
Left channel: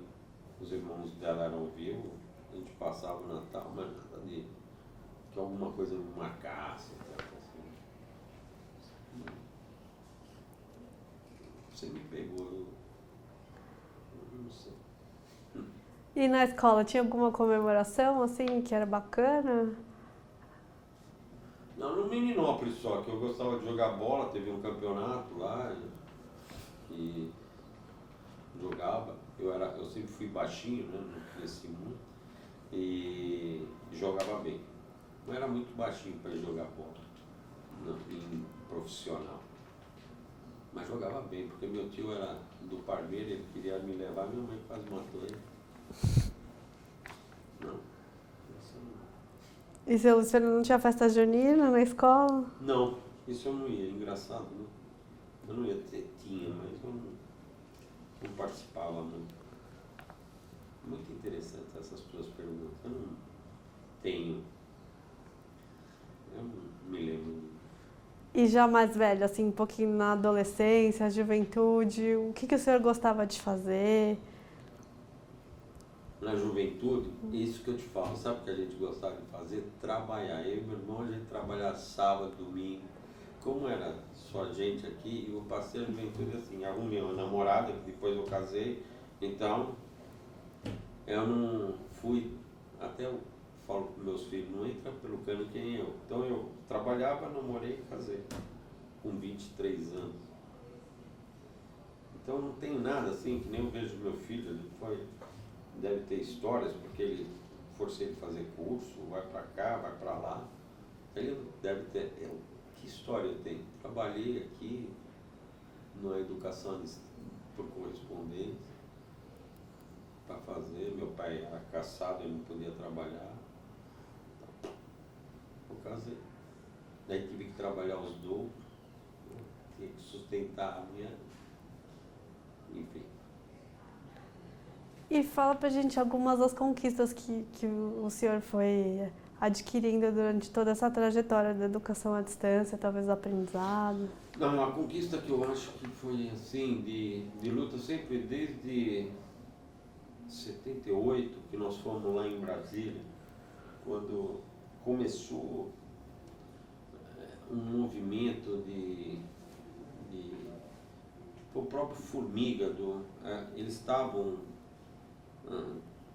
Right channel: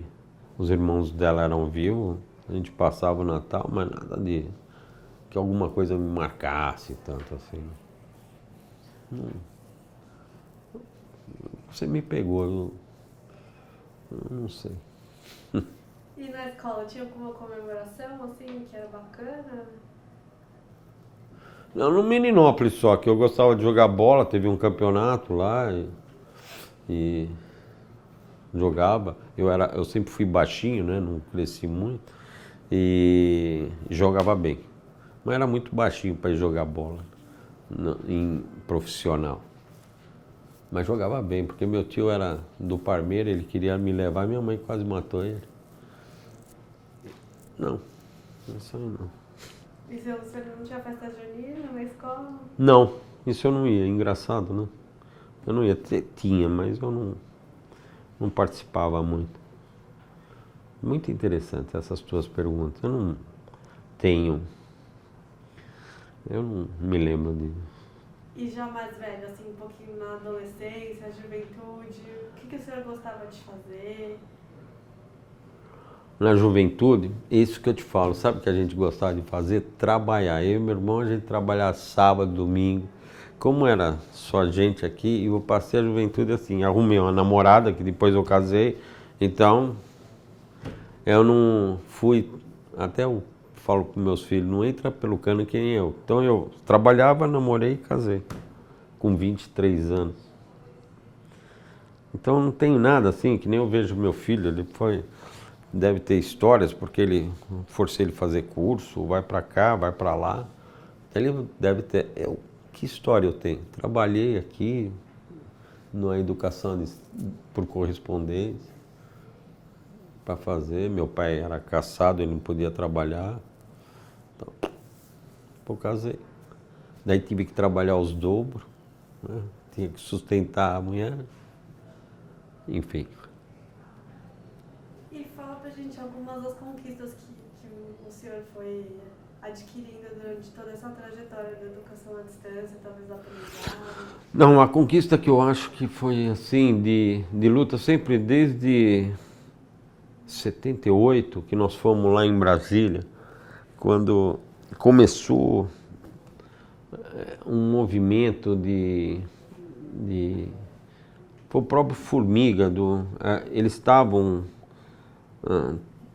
os irmãos dela eram vivos, a gente passava o Natal, mas nada de que alguma coisa me marcasse tanto assim. você me pegou, eu não sei. E na escola, tinha alguma comemoração, assim, que era bacana? Não, no Meninópolis só, que eu gostava de jogar bola, teve um campeonato lá e jogava. Eu sempre fui baixinho, né? Não cresci muito e jogava bem. Mas era muito baixinho para jogar bola em profissional. Mas jogava bem, porque meu tio era do Parmeira, ele queria me levar, minha mãe quase matou ele. Não, isso aí não. E você não tinha festa junina na escola? Não, isso eu não ia, engraçado, né? Eu não ia, tinha, mas eu não participava muito. Muito interessante essas tuas perguntas. Eu não me lembro de... E já mais velho, assim, um pouquinho na adolescência, juventude, o que o senhor gostava de fazer? Na juventude, isso que eu te falo, sabe o que a gente gostava de fazer? Trabalhar. Eu e meu irmão, a gente trabalhava sábado, domingo. Como era só gente aqui, eu passei a juventude assim, arrumei uma namorada, que depois eu casei, então eu não fui, até eu falo para meus filhos, não entra pelo cano que nem eu. Então eu trabalhava, namorei e casei, com 23 anos. Então não tenho nada assim, que nem eu vejo meu filho, deve ter histórias, porque forcei ele a fazer curso, vai para cá, vai para lá. Ele deve ter, que história eu tenho? Trabalhei aqui, na educação por correspondência, para fazer. Meu pai era caçado, ele não podia trabalhar. Então, eu casei. Daí tive que trabalhar os dobros, né? Tinha que sustentar a mulher. Enfim. E fala pra gente algumas das conquistas que o senhor foi adquirindo durante toda essa trajetória da educação à distância, talvez do aprendizado. Não, a conquista que eu acho que foi assim, de luta sempre desde 78, que nós fomos lá em Brasília, quando começou um movimento foi o próprio Formiga, eles estavam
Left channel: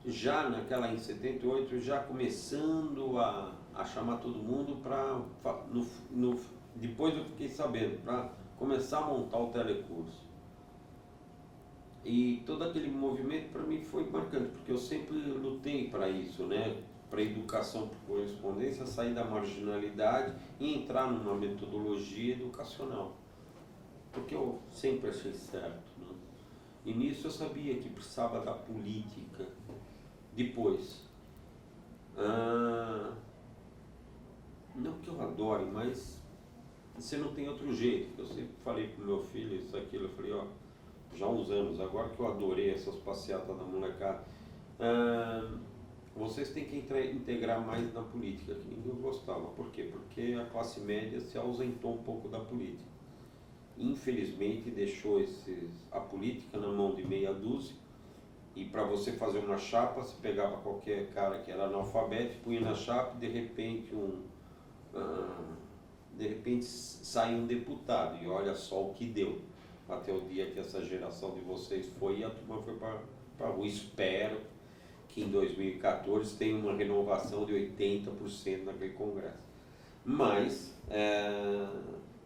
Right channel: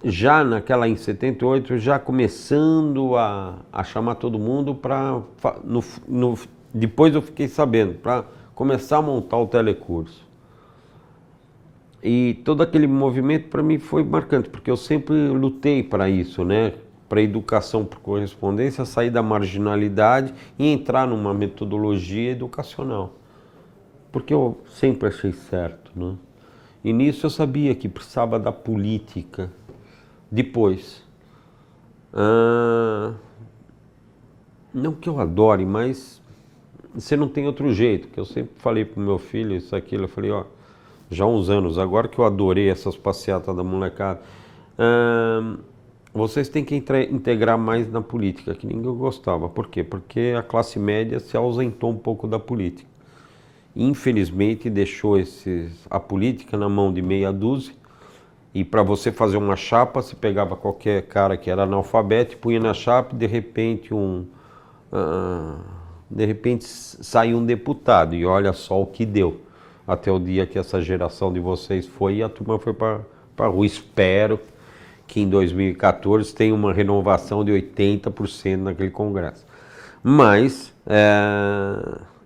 já naquela em 78, já começando a chamar todo mundo para, depois eu fiquei sabendo, para começar a montar o telecurso. E todo aquele movimento para mim foi marcante, porque eu sempre lutei para isso, né? Para a educação por correspondência, sair da marginalidade e entrar numa metodologia educacional. Porque eu sempre achei certo, né? E nisso eu sabia que precisava da política. Depois, não que eu adore, mas você não tem outro jeito. Que eu sempre falei para o meu filho isso, aquilo, eu falei, ó, já há uns anos, agora que eu adorei essas passeatas da molecada, vocês têm que integrar mais na política, que ninguém gostava. Por quê? Porque a classe média se ausentou um pouco da política. Infelizmente deixou a política na mão de meia dúzia, e para você fazer uma chapa, você pegava qualquer cara que era analfabeto e punha na chapa e de repente saiu um deputado, e olha só o que deu. Até o dia que essa geração de vocês foi e a turma foi para a rua. Espero que em 2014 tenha uma renovação de 80% naquele congresso. Mas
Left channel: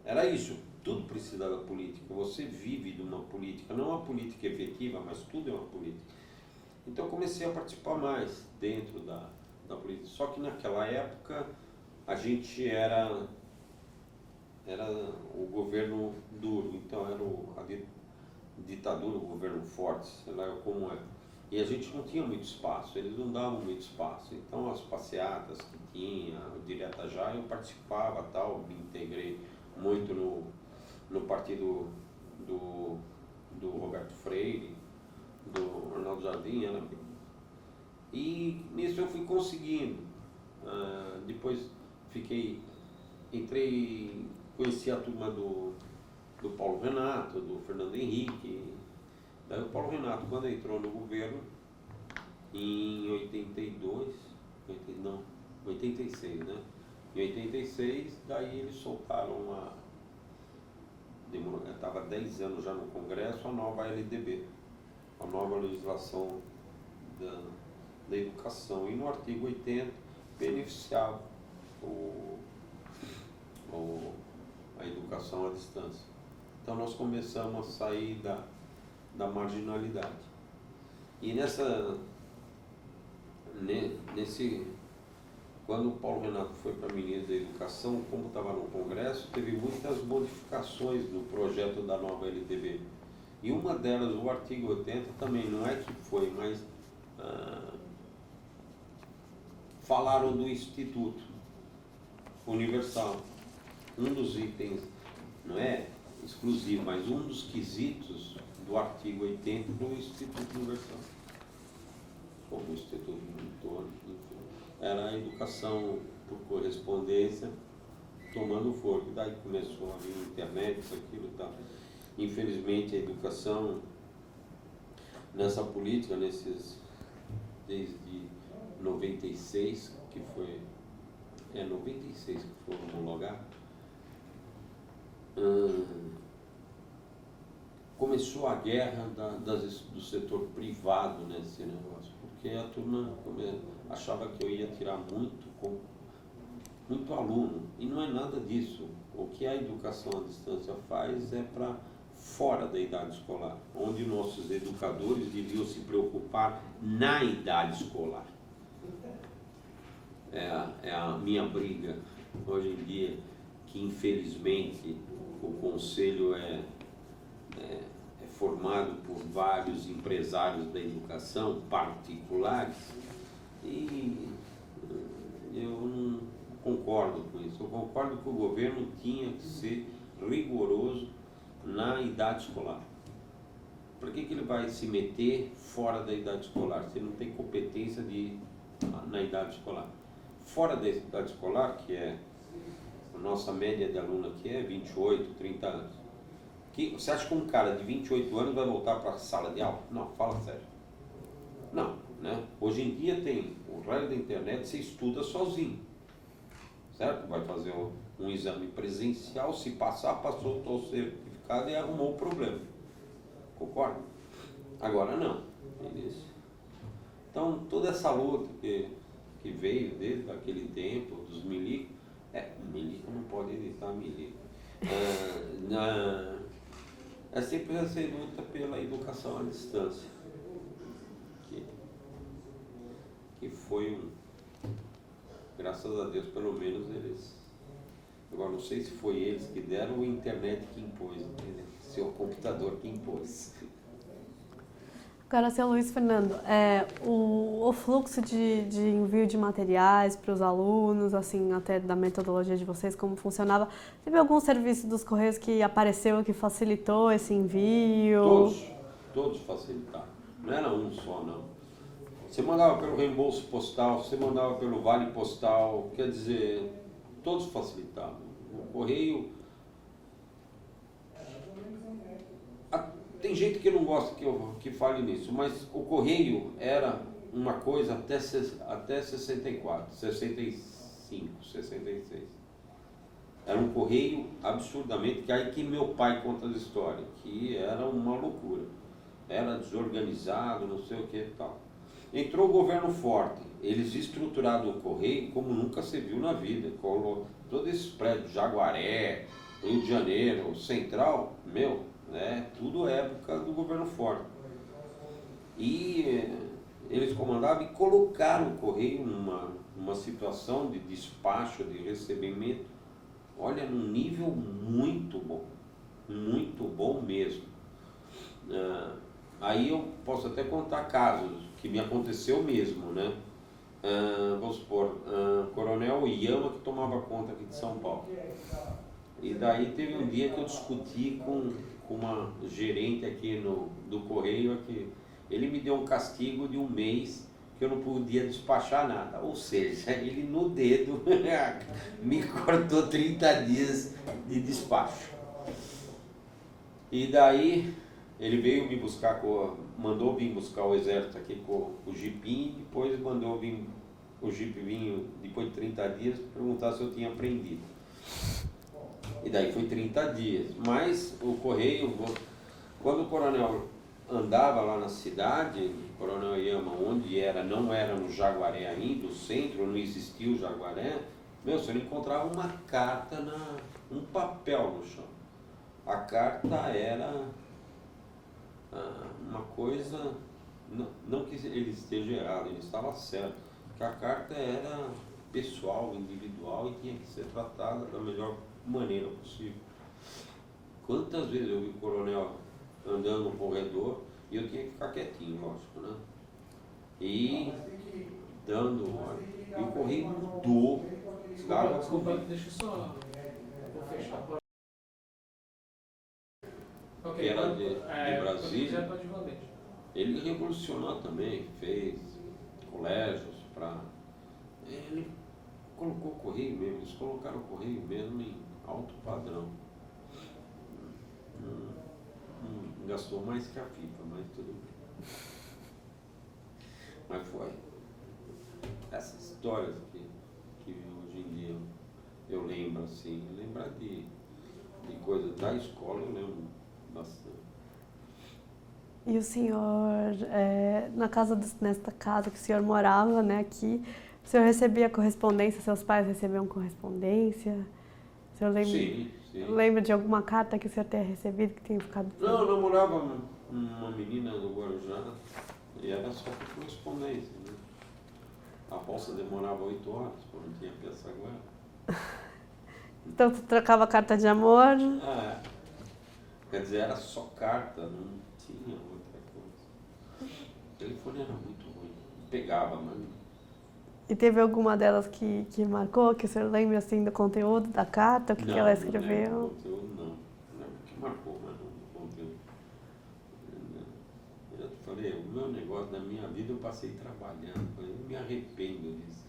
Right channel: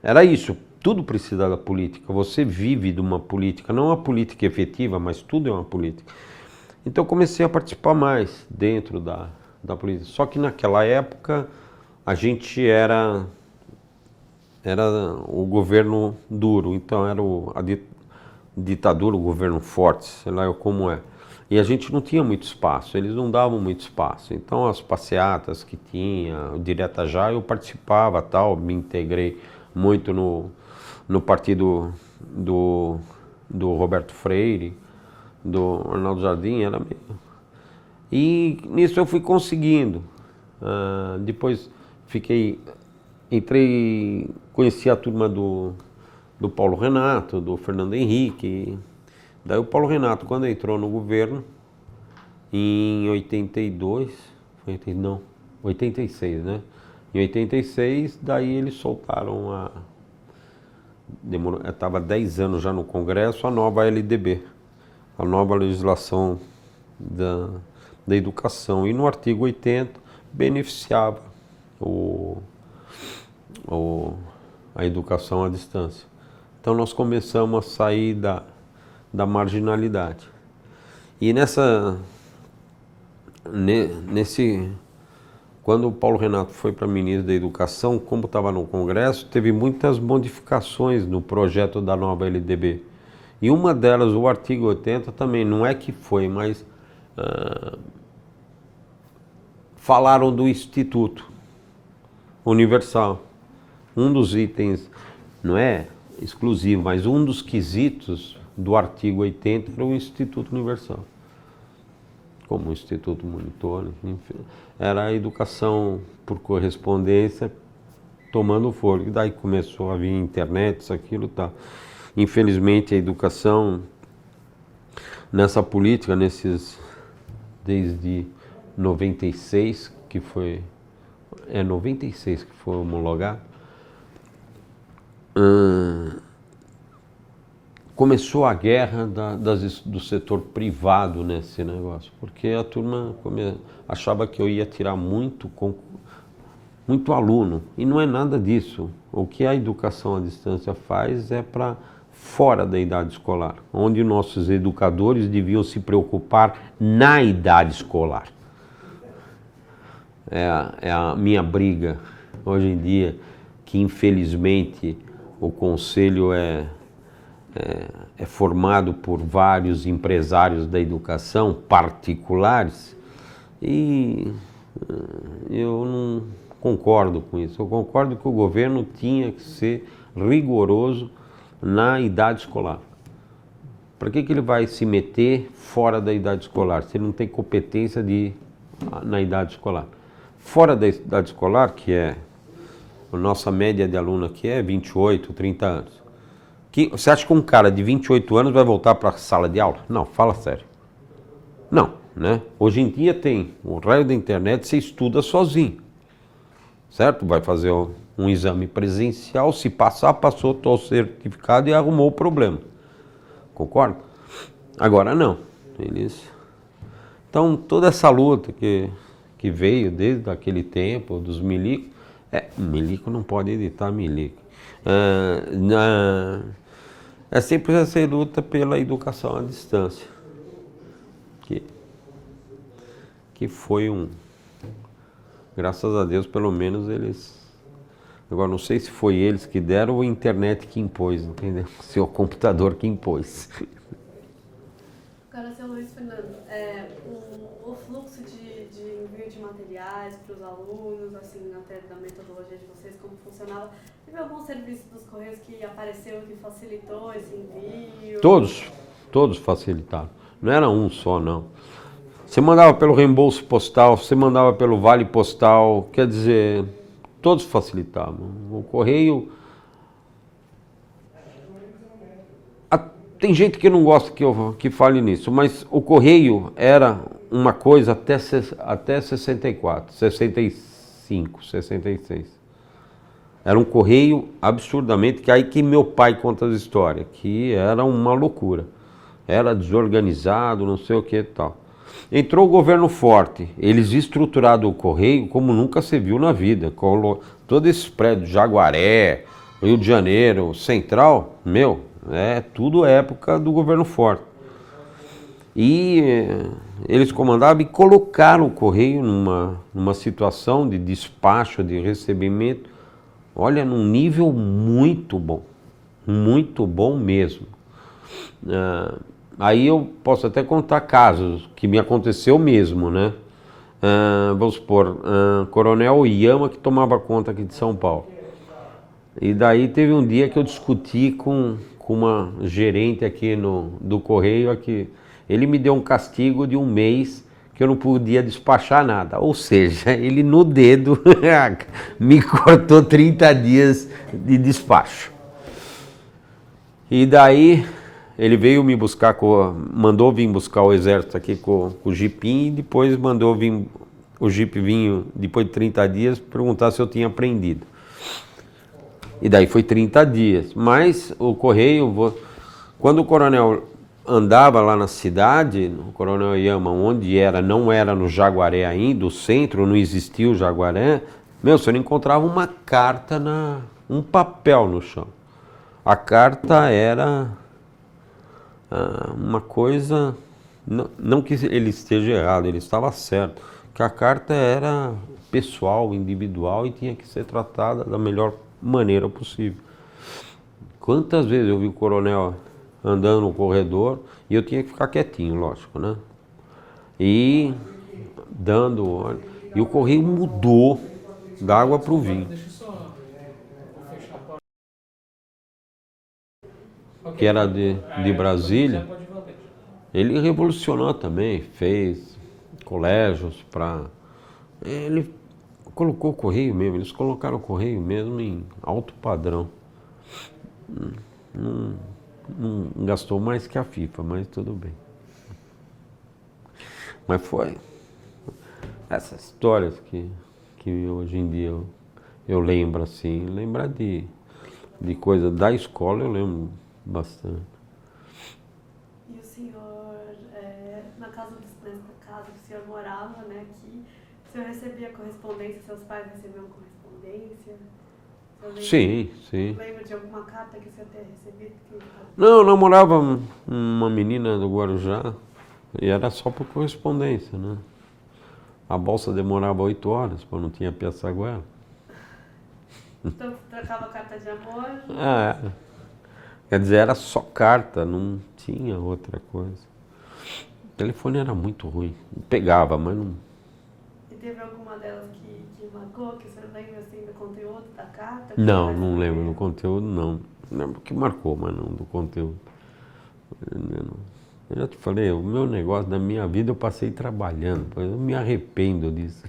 era isso, tudo precisa da política, você vive de uma política, não uma política efetiva, mas tudo é uma política. Então eu comecei a participar mais dentro da política, só que naquela época a gente era o governo duro, então era a ditadura, o governo forte, sei lá como é. E a gente não tinha muito espaço, eles não davam muito espaço. Então as passeatas que tinha, direta já, eu participava, tal, me integrei muito no partido do Roberto Freire, do Arnaldo Jardim, era meio... E nisso eu fui conseguindo. Depois conheci a turma do Paulo Renato, do Fernando Henrique. Daí o Paulo Renato, quando entrou no governo, em 86, né? Em 86, daí eles soltaram estava 10 anos já no Congresso, a nova LDB, a nova legislação da educação. E no artigo 80 beneficiava a educação à distância. Então nós começamos a sair da marginalidade. E quando o Paulo Renato foi para ministro da Educação, como estava no Congresso, teve muitas modificações no projeto da nova LDB. E uma delas, o artigo 80, também, não é que foi, mas falaram do Instituto Universal. Um dos itens, não é exclusivo, mas um dos quesitos do artigo 80 era o Instituto Universal. Como o Instituto Monitor, enfim, era a educação por correspondência tomando fôlego. Daí começou a vir internet, isso, aquilo, tá. Infelizmente a educação nessa política, desde 96, que foi 96 que foi homologado, começou a guerra do setor privado nesse negócio, porque a turma achava que eu ia tirar muito aluno, e não é nada disso. O que a educação à distância faz é para fora da idade escolar, onde nossos educadores deviam se preocupar na idade escolar. É a minha briga hoje em dia, que infelizmente o conselho é formado por vários empresários da educação particulares, e eu não concordo com isso. Eu concordo que o governo tinha que ser rigoroso na idade escolar. Para que ele vai se meter fora da idade escolar, se ele não tem competência na idade escolar? Fora da idade escolar, que é a nossa média de aluno aqui é 28, 30 anos. Você acha que um cara de 28 anos vai voltar para a sala de aula? Não, fala sério. Não, né? Hoje em dia tem o raio da internet, você estuda sozinho, certo? Vai fazer um exame presencial, se passar, passou o certificado e arrumou o problema. Concorda? Agora não. Então toda essa luta que veio desde aquele tempo, dos milicos, milico não pode editar milico. É sempre essa luta pela educação à distância, que foi graças a Deus, pelo menos eles, agora não sei se foi eles que deram ou a internet que impôs, entendeu? Se é o computador que impôs. Agora, seu Luiz Fernando, o fluxo de envio de materiais para os alunos, assim, até da metodologia de vocês, como funcionava, teve algum serviço dos Correios que apareceu, que facilitou esse envio? Todos facilitaram. Não era um só, não. Você mandava pelo reembolso postal, você mandava pelo vale postal, quer dizer, todos facilitavam. O Correio... Tem gente que não gosta que fale nisso, mas o Correio era uma coisa até 64, 65, 66. Era um Correio absurdamente, que aí que meu pai conta as histórias, que era uma loucura. Era desorganizado, não sei o que e tal. Entrou o governo forte, eles estruturaram o Correio como nunca se viu na vida. Todos esses prédios, Jaguaré, Rio de Janeiro, Central, tudo época do governo forte. E eles comandavam e colocaram o Correio numa situação de despacho, de recebimento, olha, num nível muito bom mesmo. Aí eu posso até contar casos que me aconteceu mesmo, né? Vamos supor, Coronel Iama, que tomava conta aqui de São Paulo. E daí teve um dia que eu discuti com uma gerente aqui do Correio, aqui. Ele me deu um castigo de 1 mês que eu não podia despachar nada. Ou seja, ele no dedo me cortou 30 dias de despacho. E daí ele veio me buscar, mandou vir buscar o exército aqui com o jipinho, e depois mandou vir o jipe vinho, depois de 30 dias, perguntar se eu tinha aprendido. E daí foi 30 dias. Mas o correio, quando o coronel andava lá na cidade, o Coronel Yama, onde era, não era no Jaguaré ainda, o centro, não existia o Jaguaré, você não encontrava uma carta, um papel no chão. A carta era uma coisa, não que ele esteja errado, ele estava certo, que a carta era pessoal, individual e tinha que ser tratada da melhor maneira possível. Quantas vezes eu vi o coronel andando no corredor e eu tinha que ficar quietinho, lógico, né? E dando... E o correio mudou da água para o vinho. Que era de Brasília. Ele revolucionou também, fez colégios para... Ele colocou o correio mesmo, eles colocaram o correio mesmo em alto padrão. Não gastou mais que a FIFA, mas tudo bem. Mas foi essas histórias que hoje em dia eu lembro assim, lembrar de coisa da escola eu lembro bastante. E o senhor, nesta casa que o senhor morava, né, aqui, o senhor recebia correspondência, seus pais recebiam correspondência? Sim, sim. Lembra de alguma carta que o senhor tenha recebido que tenha ficado... Não, eu namorava uma menina do Guarujá e era só por correspondência, né? A bolsa demorava 8 horas, porque não tinha Piaçaguela. Então você trocava carta de amor? Quer dizer, era só carta, não tinha outra coisa. O telefone era muito ruim, pegava, mas não... E teve alguma delas que marcou, que o senhor lembra assim do conteúdo da carta? Não lembro do conteúdo, não. Lembro que marcou, mas não do conteúdo. Eu já te falei, o meu negócio da minha vida eu passei trabalhando, eu me arrependo disso.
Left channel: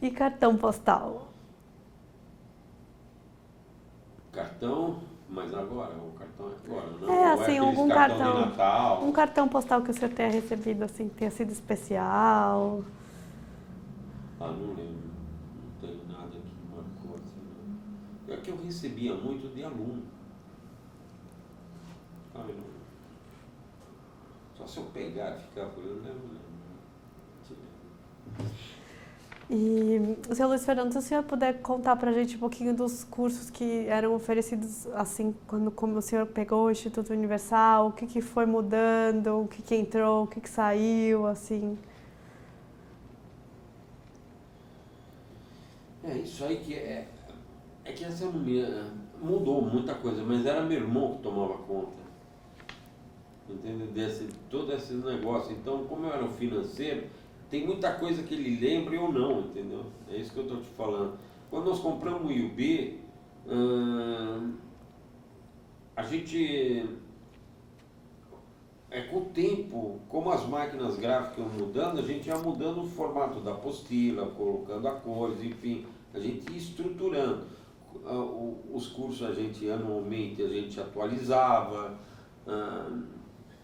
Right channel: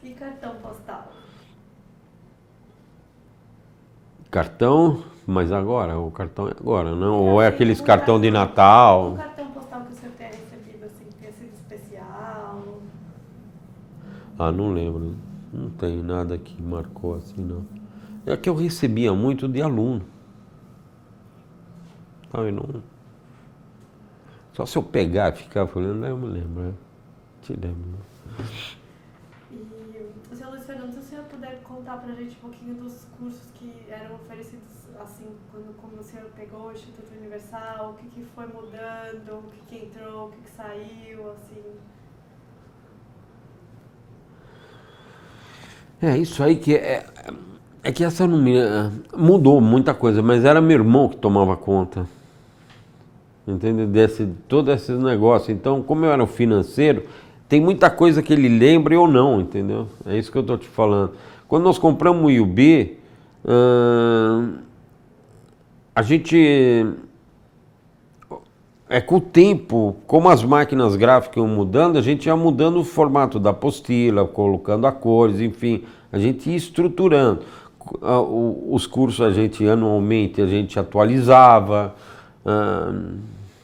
E cartão postal? Cartão, mas agora, o cartão é agora, não? Ou é assim, aqueles cartão de Natal? Um cartão postal que o senhor tenha recebido, assim, que tenha sido especial? Não lembro. Não tem nada que marcou assim, não. É que eu recebia muito de aluno. Não... Só se eu pegar e ficar falando, eu me lembro. Te lembro. E, seu Luiz Fernando, se o senhor puder contar pra gente um pouquinho dos cursos que eram oferecidos, assim, como o senhor pegou o Instituto Universal, o que foi mudando, o que entrou, o que saiu, assim... Isso aí que é que essa não mudou muita coisa, mas era meu irmão que tomava conta. Entendeu? Todo esse negócio. Então, como eu era o financeiro, tem muita coisa que ele lembra e eu não, entendeu? É isso que eu estou te falando. Quando nós compramos o IUB, a gente... com o tempo, como as máquinas gráficas iam mudando, a gente ia mudando o formato da apostila, colocando a cores, enfim, a gente ia estruturando. Os cursos anualmente a gente atualizava,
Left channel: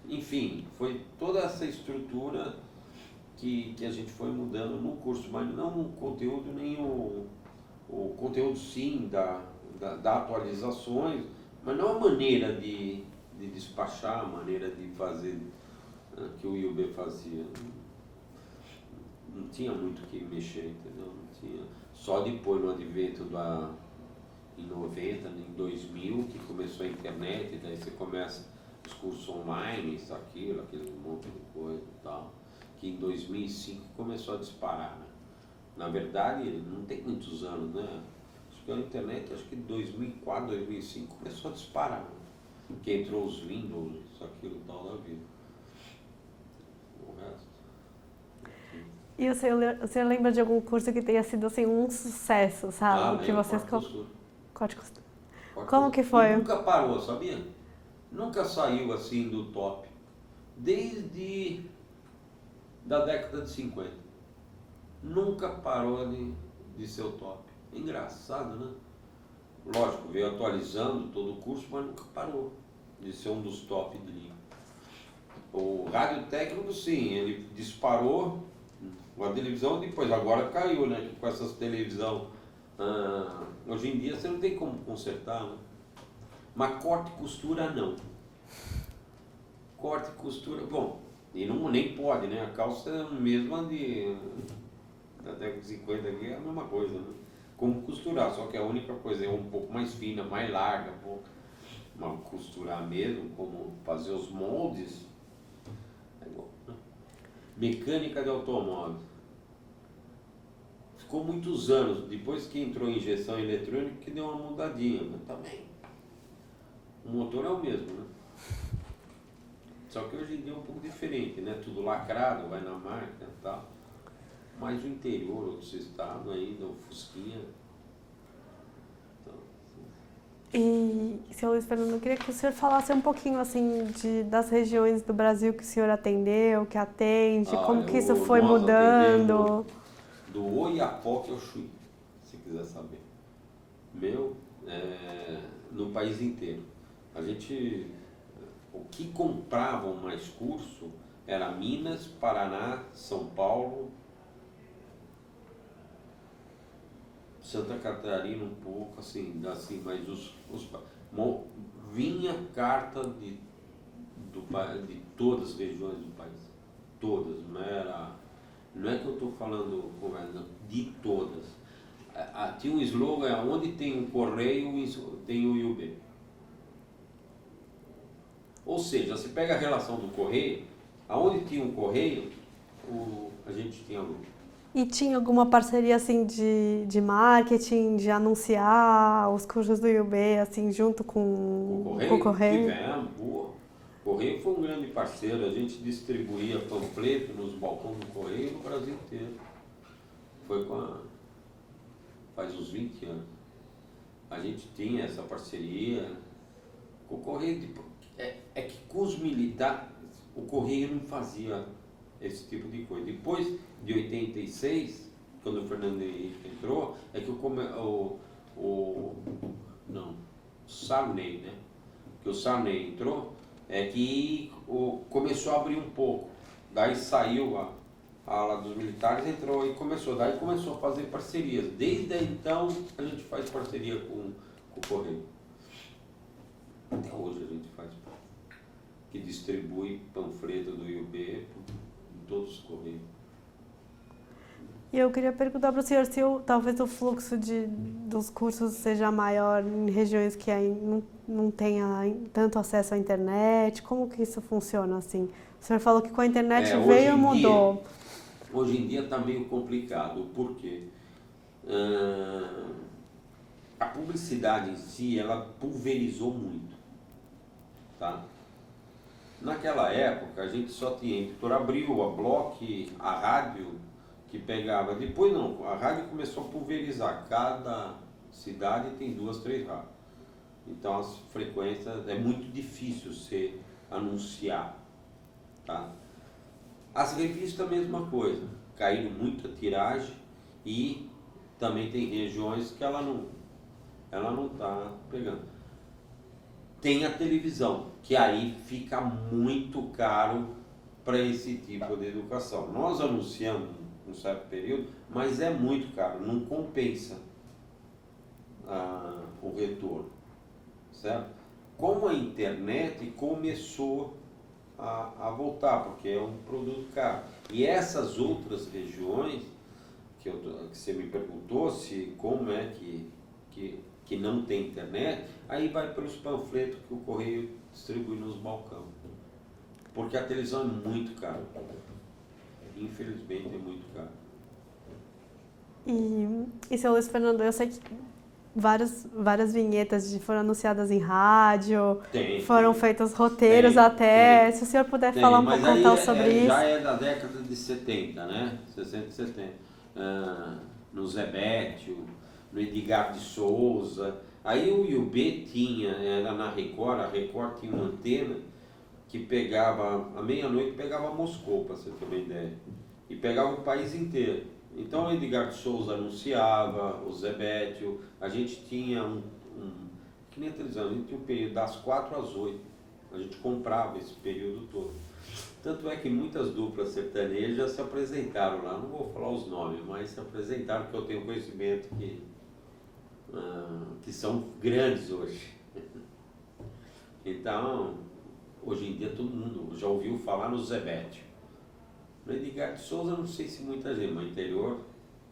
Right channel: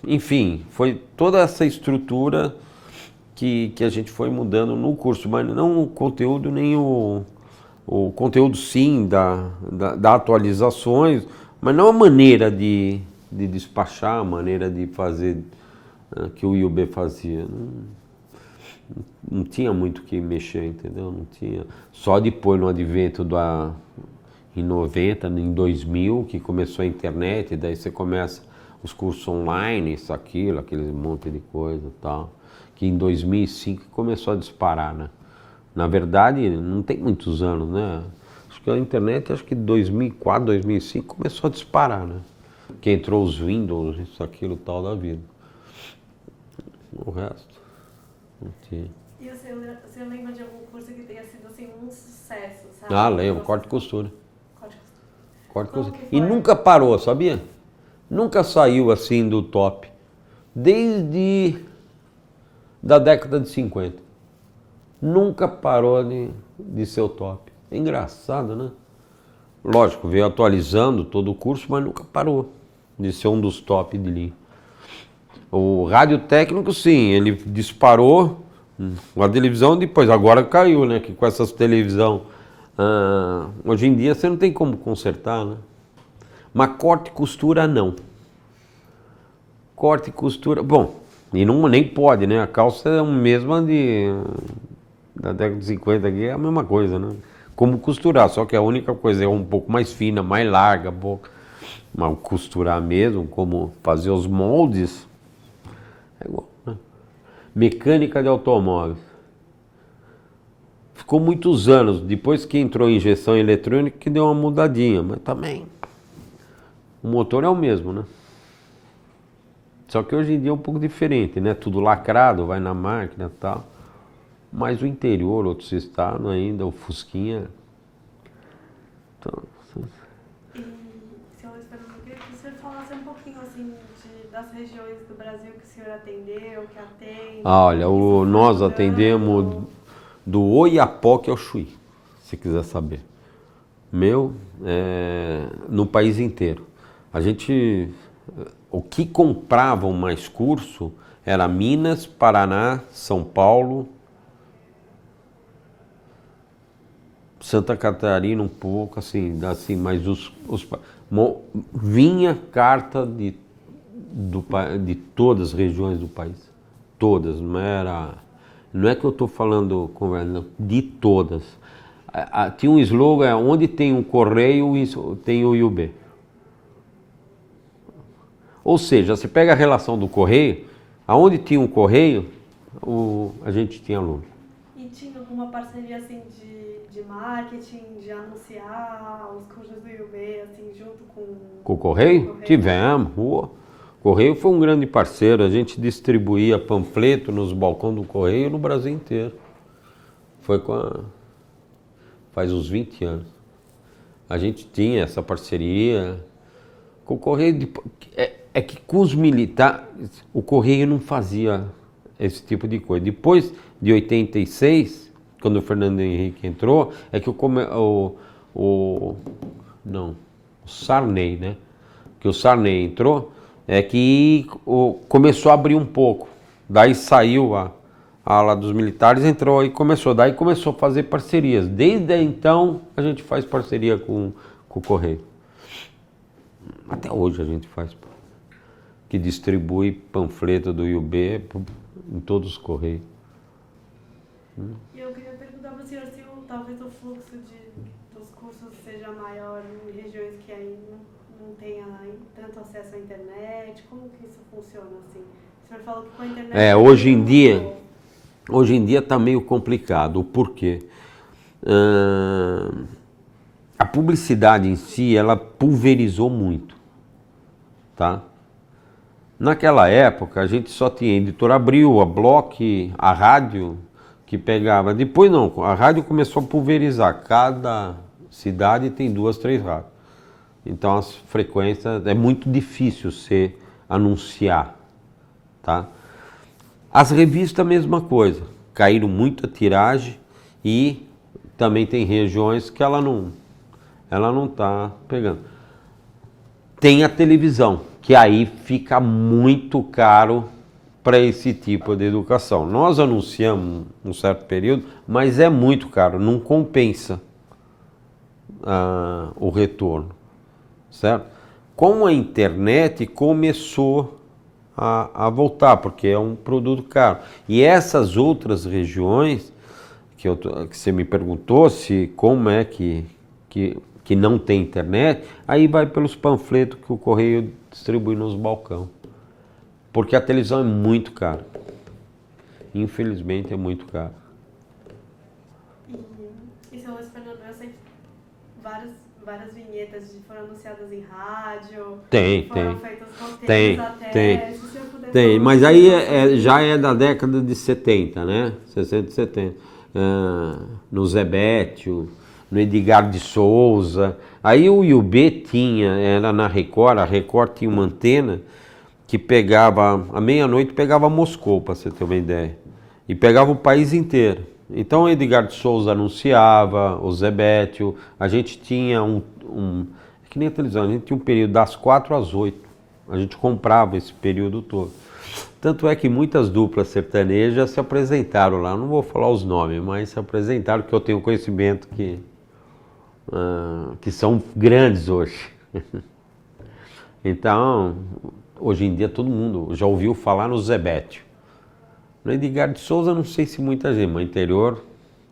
enfim, foi toda essa estrutura que a gente foi mudando no curso, mas não o conteúdo, nem o conteúdo sim da atualizações, mas não a maneira de despachar, a maneira de fazer que o IUB fazia. Não tinha muito o que mexer, entendeu? Não tinha. Só depois no advento em 90, em 2000, que começou a internet, e daí você começa os cursos online, isso, aquilo, aquele monte de coisa e tal, que em 2005 começou a disparar, né? Na verdade, não tem muitos anos, né? Acho que a internet, acho que 2004, 2005 começou a disparar, né? Que entrou os Windows, isso, aquilo, tal da vida. O resto, não tinha. E o senhor lembra de algum curso que tenha sido, assim, um sucesso, sabe? Lembro, corte e costura. Corte e costura. Como que foi? E nunca parou, sabia? Nunca saiu assim do top. Desde da década de 50. Nunca parou de ser o top. É engraçado, né? Lógico, veio atualizando todo o curso, mas nunca parou de ser um dos top de linha. O rádio técnico, sim, ele disparou. A televisão depois, agora caiu, né? Que com essas televisão Hoje em dia você não tem como consertar, né? Mas corte e costura não. Corte e costura, bom, e não, nem pode, né? A calça é a mesma da década de 50 aqui, é a mesma coisa, né? Como costurar, só que a única coisa é um pouco mais fina, mais larga, mas costurar mesmo, como fazer os moldes, é igual, né? Mecânica de automóveis. Ficou muitos anos, depois que entrou a injeção eletrônica, que deu uma mudadinha, mas também o motor é o mesmo, né? Só que hoje em dia é um pouco diferente, né? Tudo lacrado, vai na máquina e tal. Mas o interior, outros estados ainda, o Fusquinha. Então, E, senhor Luiz Fernando, eu queria que o senhor falasse um pouquinho assim das regiões do Brasil que o senhor atendeu, que atende. olha, como que isso foi nós mudando. atendemos do Oiapoque ao Chuí, se quiser saber. No país inteiro. O que compravam mais curso era Minas, Paraná, São Paulo, Santa Catarina um pouco, assim mas vinha carta de todas as regiões do país. Todas, não é que eu estou falando de todas. Tinha um slogan, onde tem um correio, tem o IUB. Ou seja, você pega a relação do correio, aonde tinha um correio, a gente tinha aluno. E tinha alguma parceria assim de marketing, de anunciar os cursos do IUB assim junto com o correio? Com o correio? Tivemos. O correio foi um grande parceiro, a gente distribuía panfleto nos balcões do correio no Brasil inteiro. Faz uns 20 anos. A gente tinha essa parceria com o correio. É que com os militares, o correio não fazia esse tipo de coisa. Depois de 86, quando o Fernando Henrique entrou, é que o Sarney, né? Que o Sarney entrou, é que começou a abrir um pouco. Daí saiu a ala dos militares, entrou e começou. Daí começou a fazer parcerias. Desde então, a gente faz parceria com o correio. Até hoje a gente faz. Que distribui panfleto do IUB em todos os correios. E eu queria perguntar para o senhor se talvez o fluxo dos cursos seja maior em regiões que aí não tenha tanto acesso à internet. Como que isso funciona assim? O senhor falou que com a internet hoje em mudou. Hoje em dia está meio complicado. Por quê? A publicidade em si, ela pulverizou muito. Tá? Naquela época, a gente só tinha a Editora Abril, a Block, a rádio, que pegava. Depois não, a rádio começou a pulverizar. Cada cidade tem 2, 3 rádios. Então as frequências, é muito difícil você anunciar. Tá? As revistas, a mesma coisa. Caíram muito a tiragem e também tem regiões que ela não está pegando. Tem a televisão, que aí fica muito caro para esse tipo de educação. Nós anunciamos um certo período, mas é muito caro, não compensa o retorno, certo? Com a internet começou a voltar, porque é um produto caro. E essas outras regiões, que você me perguntou, como é que não tem internet, aí vai pelos panfletos que o correio distribui nos balcões. Porque a televisão é muito cara. Infelizmente é muito caro. E seu Luiz Fernando, eu sei que várias vinhetas foram anunciadas em rádio, foram feitos roteiros até. Se o senhor puder falar um mas pouco aí isso. já é da década de 70, né? 60 e 70. No Zé Bétio, no Edgar de Souza. Aí o IUB era na Record, a Record tinha uma antena que pegava, à meia-noite pegava Moscou, para você ter uma ideia. E pegava o país inteiro. Então o Edgar de Souza anunciava, o Zé Bétio, a gente tinha que nem a televisão, a gente tinha um período das 4 às 8. A gente comprava esse período todo. Tanto é que muitas duplas sertanejas se apresentaram lá, não vou falar os nomes, mas se apresentaram, que eu tenho conhecimento que que são grandes hoje. Então, hoje em dia todo mundo já ouviu falar no Zebétio. No Edgar de Souza, não sei se muita gente, mas no interior,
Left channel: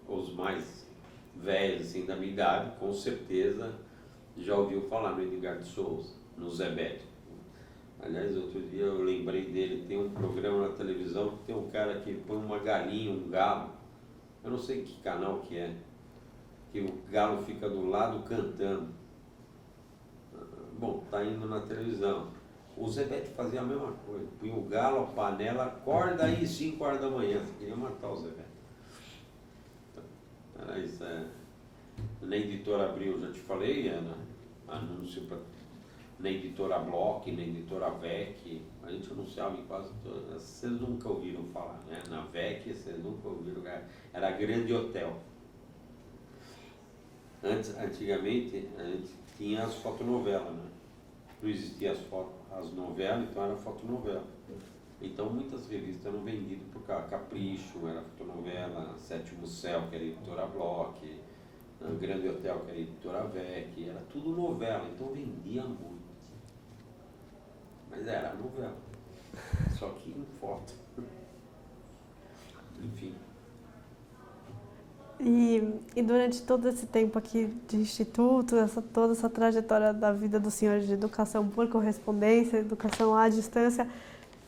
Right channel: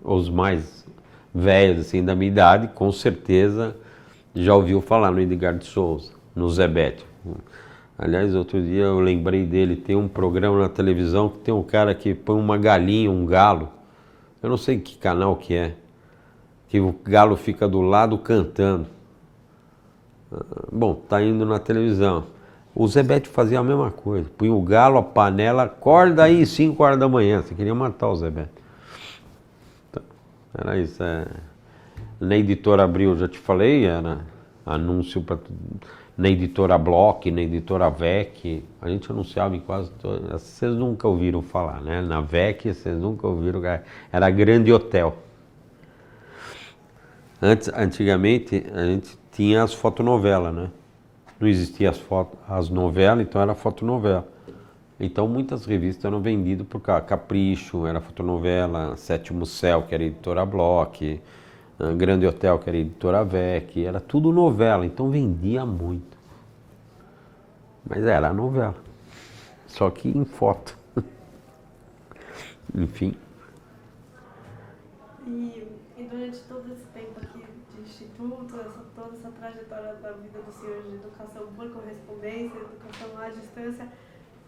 os mais velhos assim, da minha idade, com certeza já ouviu falar no Edgar de Souza, no Zebétio. Aliás, outro dia eu lembrei dele, tem um programa na televisão que tem um cara que põe uma galinha, um galo, eu não sei que canal que é, que o galo fica do lado cantando. Bom, tá indo na televisão. O Zebétio fazia a mesma coisa, punha o galo, a panela, acorda aí 5 horas da manhã, você queria matar o Zebétio. Então, era isso. Na Editora Abril, já te falei, era anúncio para na Editora Bloch, na Editora VEC, a gente anunciava em quase todas. Vocês nunca ouviram falar, né? Na VEC, vocês nunca ouviram, era Grande Hotel. Antigamente, a gente tinha as fotonovelas, né? Não existiam as novelas, então era fotonovela. Então muitas revistas eram vendidas por Capricho, era fotonovela, Sétimo Céu, que era Editora Bloch, Grande Hotel, que era Editora VEC, era tudo novela, então vendia muito. Mas era novela, só que em foto. Enfim. E durante todo esse tempo aqui de instituto, toda essa trajetória da vida do senhor de educação por correspondência, educação à distância,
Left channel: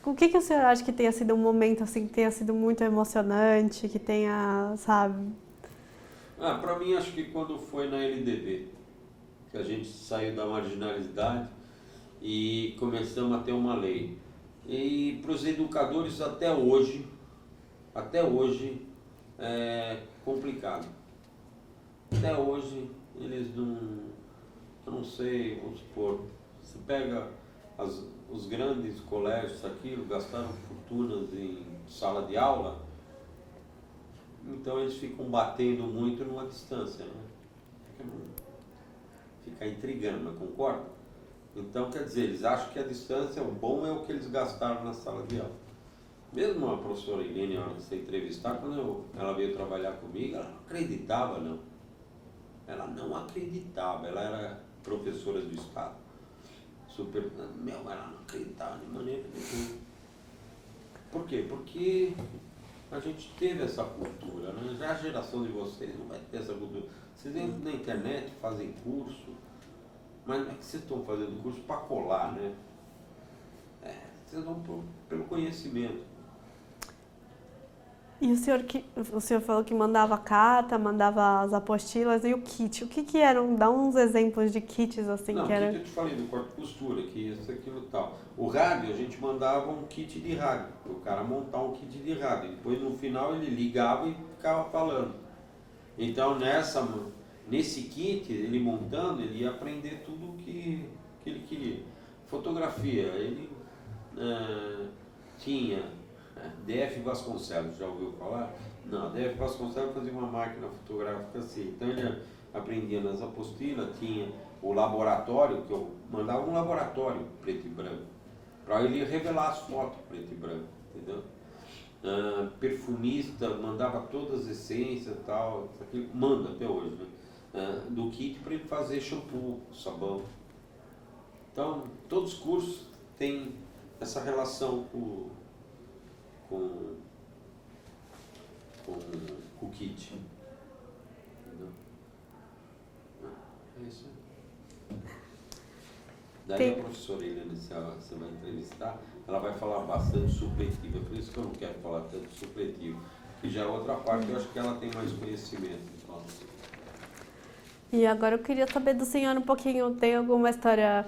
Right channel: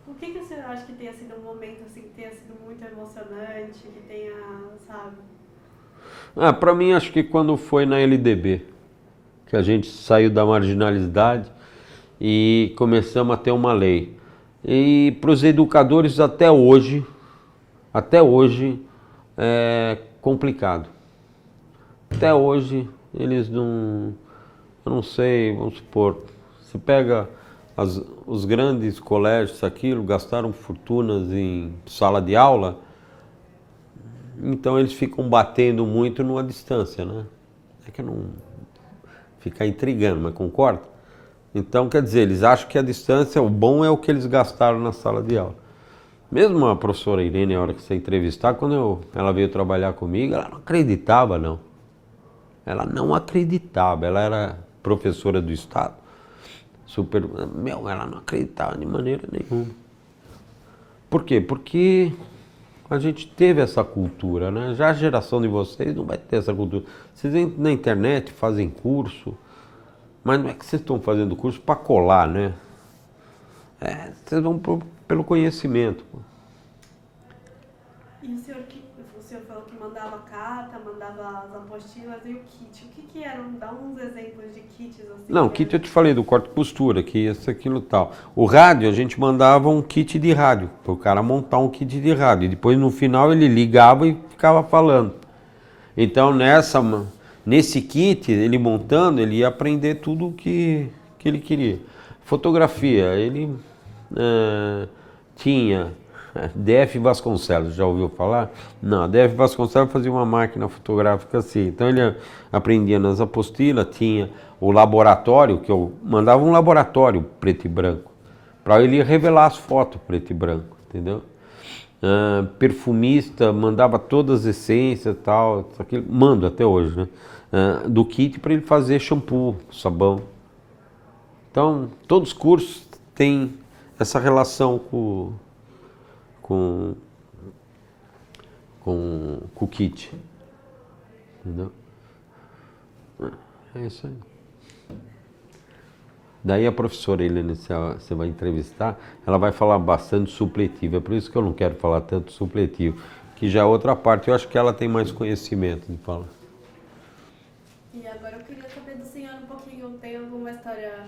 o que o senhor acha que tenha sido um momento assim, que tenha sido muito emocionante, que tenha, sabe? Para mim, acho que quando foi na LDB, que a gente saiu da marginalidade e começamos a ter uma lei. E para os educadores até hoje é complicado. Até hoje eles não, eu não sei, vamos supor, se pega os grandes colégios, aquilo, gastaram fortunas em sala de aula, então eles ficam batendo muito numa distância, né? É que eu não ficar intrigando, mas concorda? Então, quer dizer, eles acham que a distância, o bom é o que eles gastaram na sala de aula. Mesmo a professora Irene, na hora que você entrevistar, quando ela veio trabalhar comigo, ela não acreditava, não. Ela não acreditava, ela era professora do Estado. Ela não acreditava de maneira nenhuma. Por quê? Porque a gente teve essa cultura, né? Já a geração de vocês não vai ter essa cultura. Vocês entram na internet, fazem curso, mas não é que vocês estão fazendo curso para colar, né? Vocês vão pelo conhecimento. E o senhor falou que mandava carta, mandava as apostilas e o kit. O que eram? Dá uns exemplos de kits assim. Não, kit eu te falei do corte e costura, que isso, aquilo e tal. O rádio, a gente mandava um kit de rádio, para o cara montar um kit de rádio. E depois no final ele ligava e ficava falando. Então nesse kit, ele montando, ele ia aprender tudo o que ele queria. Fotografia, ele tinha D.F. Vasconcelos, já ouviu falar? Não, D.F. Vasconcelos fazia uma máquina fotográfica assim. Então ele aprendia nas apostilas, tinha o laboratório, que eu mandava um laboratório preto e branco, para ele revelar as fotos preto e branco, entendeu? Perfumista, mandava todas as essências e tal, mando até hoje, né? Do kit para ele fazer shampoo, sabão. Então, todos os cursos têm essa relação com o kit, entendeu? É isso aí. Daí a professora Helena, se você vai entrevistar, ela vai falar bastante supletivo, é por isso que eu não quero falar tanto supletivo, que já é outra parte, eu acho que ela tem mais conhecimento de falar. E agora eu queria saber do senhor um pouquinho, tem alguma história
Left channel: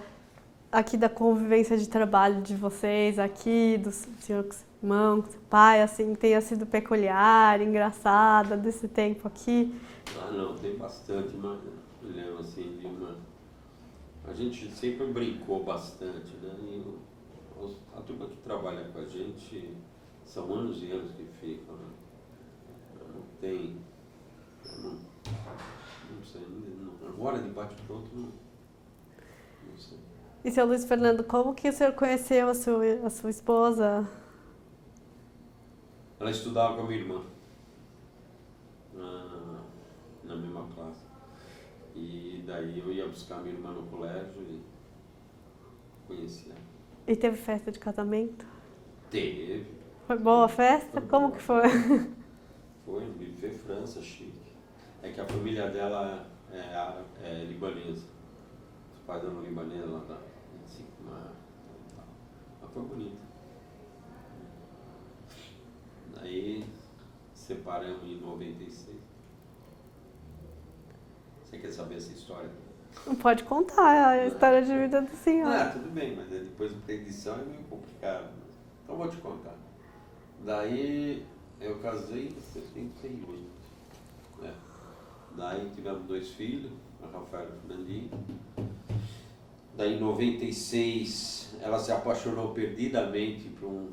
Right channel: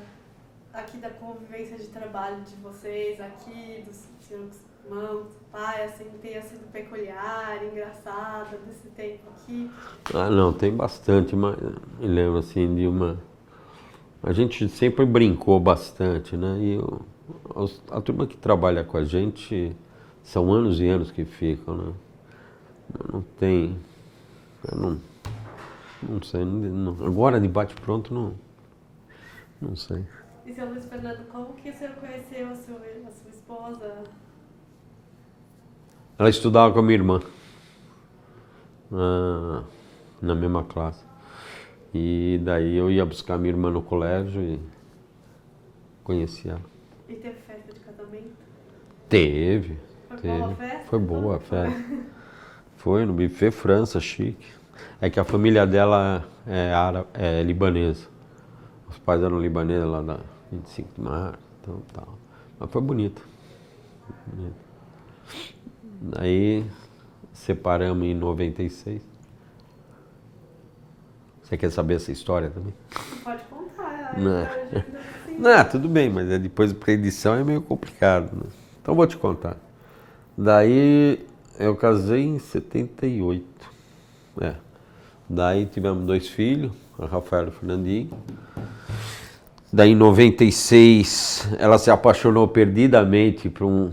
aqui da convivência de trabalho de vocês aqui, do senhor com seu irmão, com seu pai, assim, que tenha sido peculiar, engraçada desse tempo aqui? Não, tem bastante, mas me lembro assim de uma... A gente sempre brincou bastante, né? E a turma que trabalha com a gente são anos e anos que ficam, né? Não tem... Não sei, agora de bate-pronto não sei. E seu Luiz Fernando, como que o senhor conheceu a sua esposa? Ela estudava com a minha irmã, na mesma classe. E daí eu ia buscar minha irmã no colégio e conheci ela. E teve festa de casamento? Teve. Foi boa a festa? Foi boa Como a que foi? festa. Foi no buffet França, chique. É que a família dela é libanesa. Os pais eram libaneses lá da 25 de março, então tal. Mas foi bonito. Aí separamos em 96. Você quer saber essa história também? Pode contar a história de vida do senhor. Não, tudo bem, mas depois para edição é meio complicado. Né? Então vou te contar. Daí eu casei em 78. Daí tivemos 2 filhos, a Rafaela e o Fernandinho. Daí em 96 ela se apaixonou perdidamente por um...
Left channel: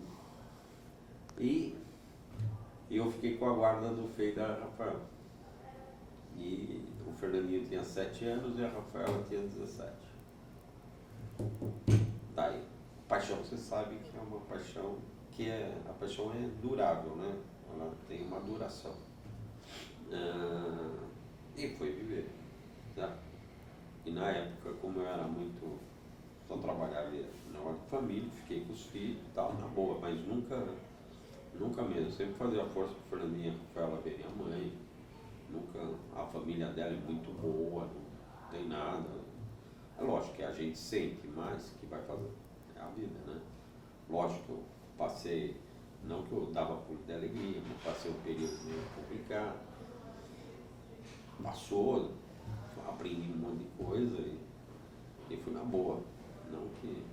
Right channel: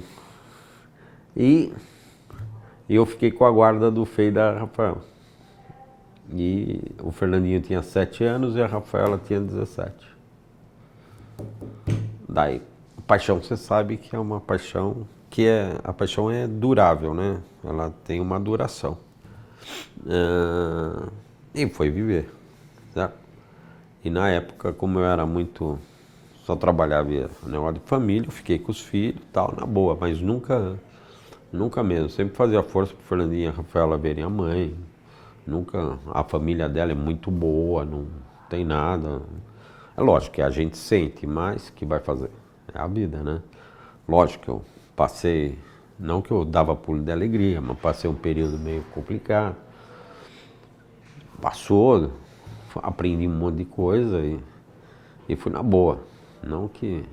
E eu fiquei com a guarda do Fei da Rafaela. E o Fernandinho tinha 7 anos e a Rafaela tinha 17. Daí, paixão, você sabe que é uma paixão a paixão é durável, né? Ela tem uma duração. E foi viver, certo? E na época, como eu era só trabalhava negócio de família, eu fiquei com os filhos e tal, na boa, mas nunca mesmo. Sempre fazia força pro Fernandinho e a Rafaela verem a mãe. Nunca, a família dela é muito boa, não tem nada. É lógico que a gente sente, mas que vai fazer? É a vida, né? Lógico que eu passei, não que eu dava pulo de alegria, mas passei um período meio complicado. Passou, aprendi um monte de coisa e fui na boa. Não que...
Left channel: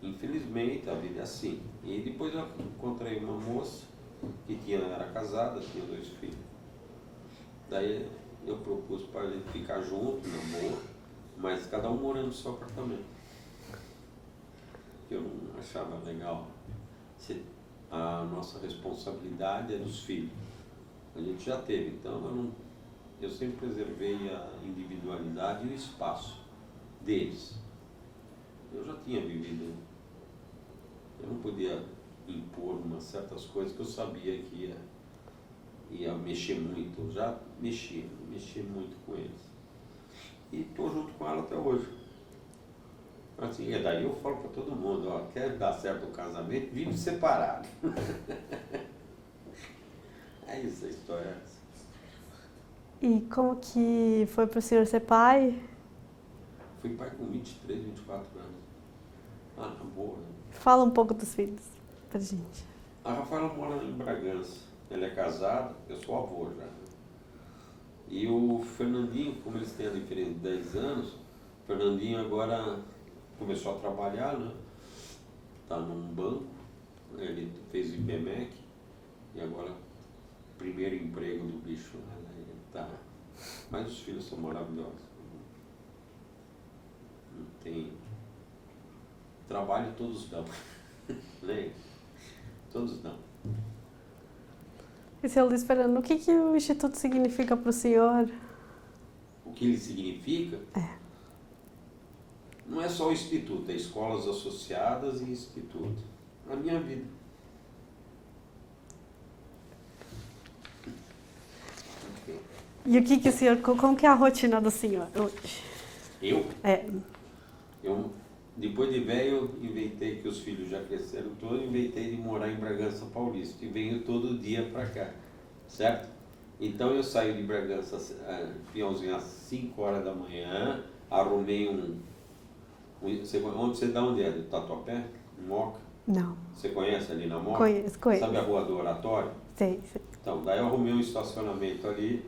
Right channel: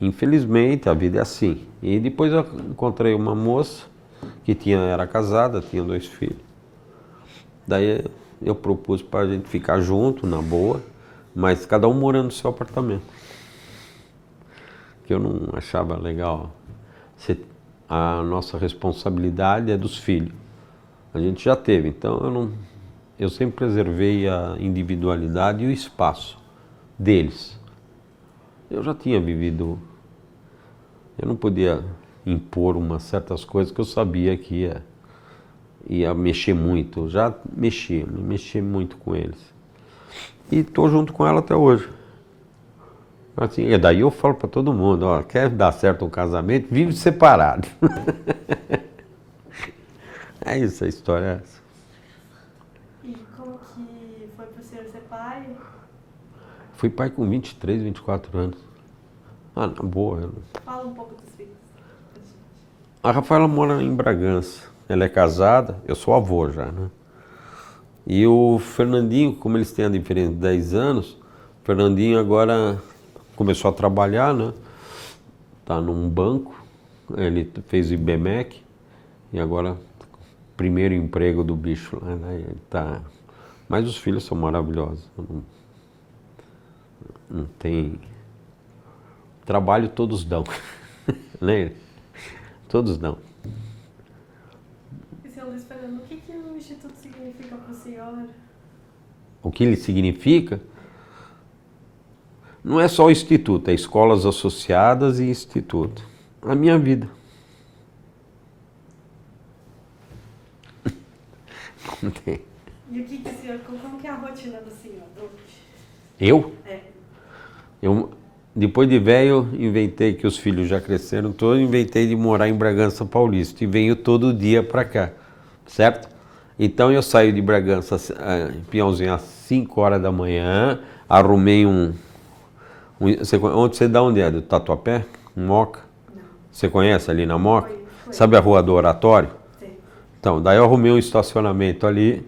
Infelizmente, a vida é assim. E depois eu encontrei uma moça que era casada, tinha 2 filhos. Daí eu propus para a gente ficar junto, na boa, mas cada um morando no seu apartamento. Que eu não achava legal. A nossa responsabilidade é dos filhos. A gente já teve, então eu sempre preservei a individualidade e o espaço deles. Eu já tinha vivido, eu não podia impor certas coisas que eu sabia que ia mexer muito. Eu já mexi muito com eles. E estou junto com ela até hoje. Assim, e daí eu falo para todo mundo, ó, quer dar certo um casamento, vive separado. É isso, a história é essa. E como que foi para o senhor ser pai? Fui pai com 23, 24 anos. Na boa. Fala um pouco dos filhos pra gente. A Rafaela mora em Bragança. Ela é casada, eu sou avô já, né? E o Fernandinho, como eles têm a diferença de 10 anos, o Fernandinho agora começou a trabalhar, né? Tá num banco, ele fez o IBMEC e agora primeiro emprego do bicho lá, né? Ele tá... Mas os filhos são maravilhosos. Não tem... Trabalho todos dão, né? Todos dão. E, seu Luiz Fernando, o que o Instituto significa para o senhor? O que ele significa? Não é só o Instituto, é escolas associadas e Instituto. A minha vida. E o que o senhor, como que é a rotina do senhor hoje? Eu? Eu, depois de velho, inventei que os filhos já cresceram todos, inventei de morar em Bragança Paulista e venho todo dia para cá, certo? Então eu saio de Bragança, Peãozinho, às 5 horas da manhã, arrumei onde você dá onde é? Do Tatuapé? Moca? Não. Você conhece ali na Moca? Conheço. Sabe a Rua do Oratório? Sei. Então, daí eu arrumei um estacionamento ali,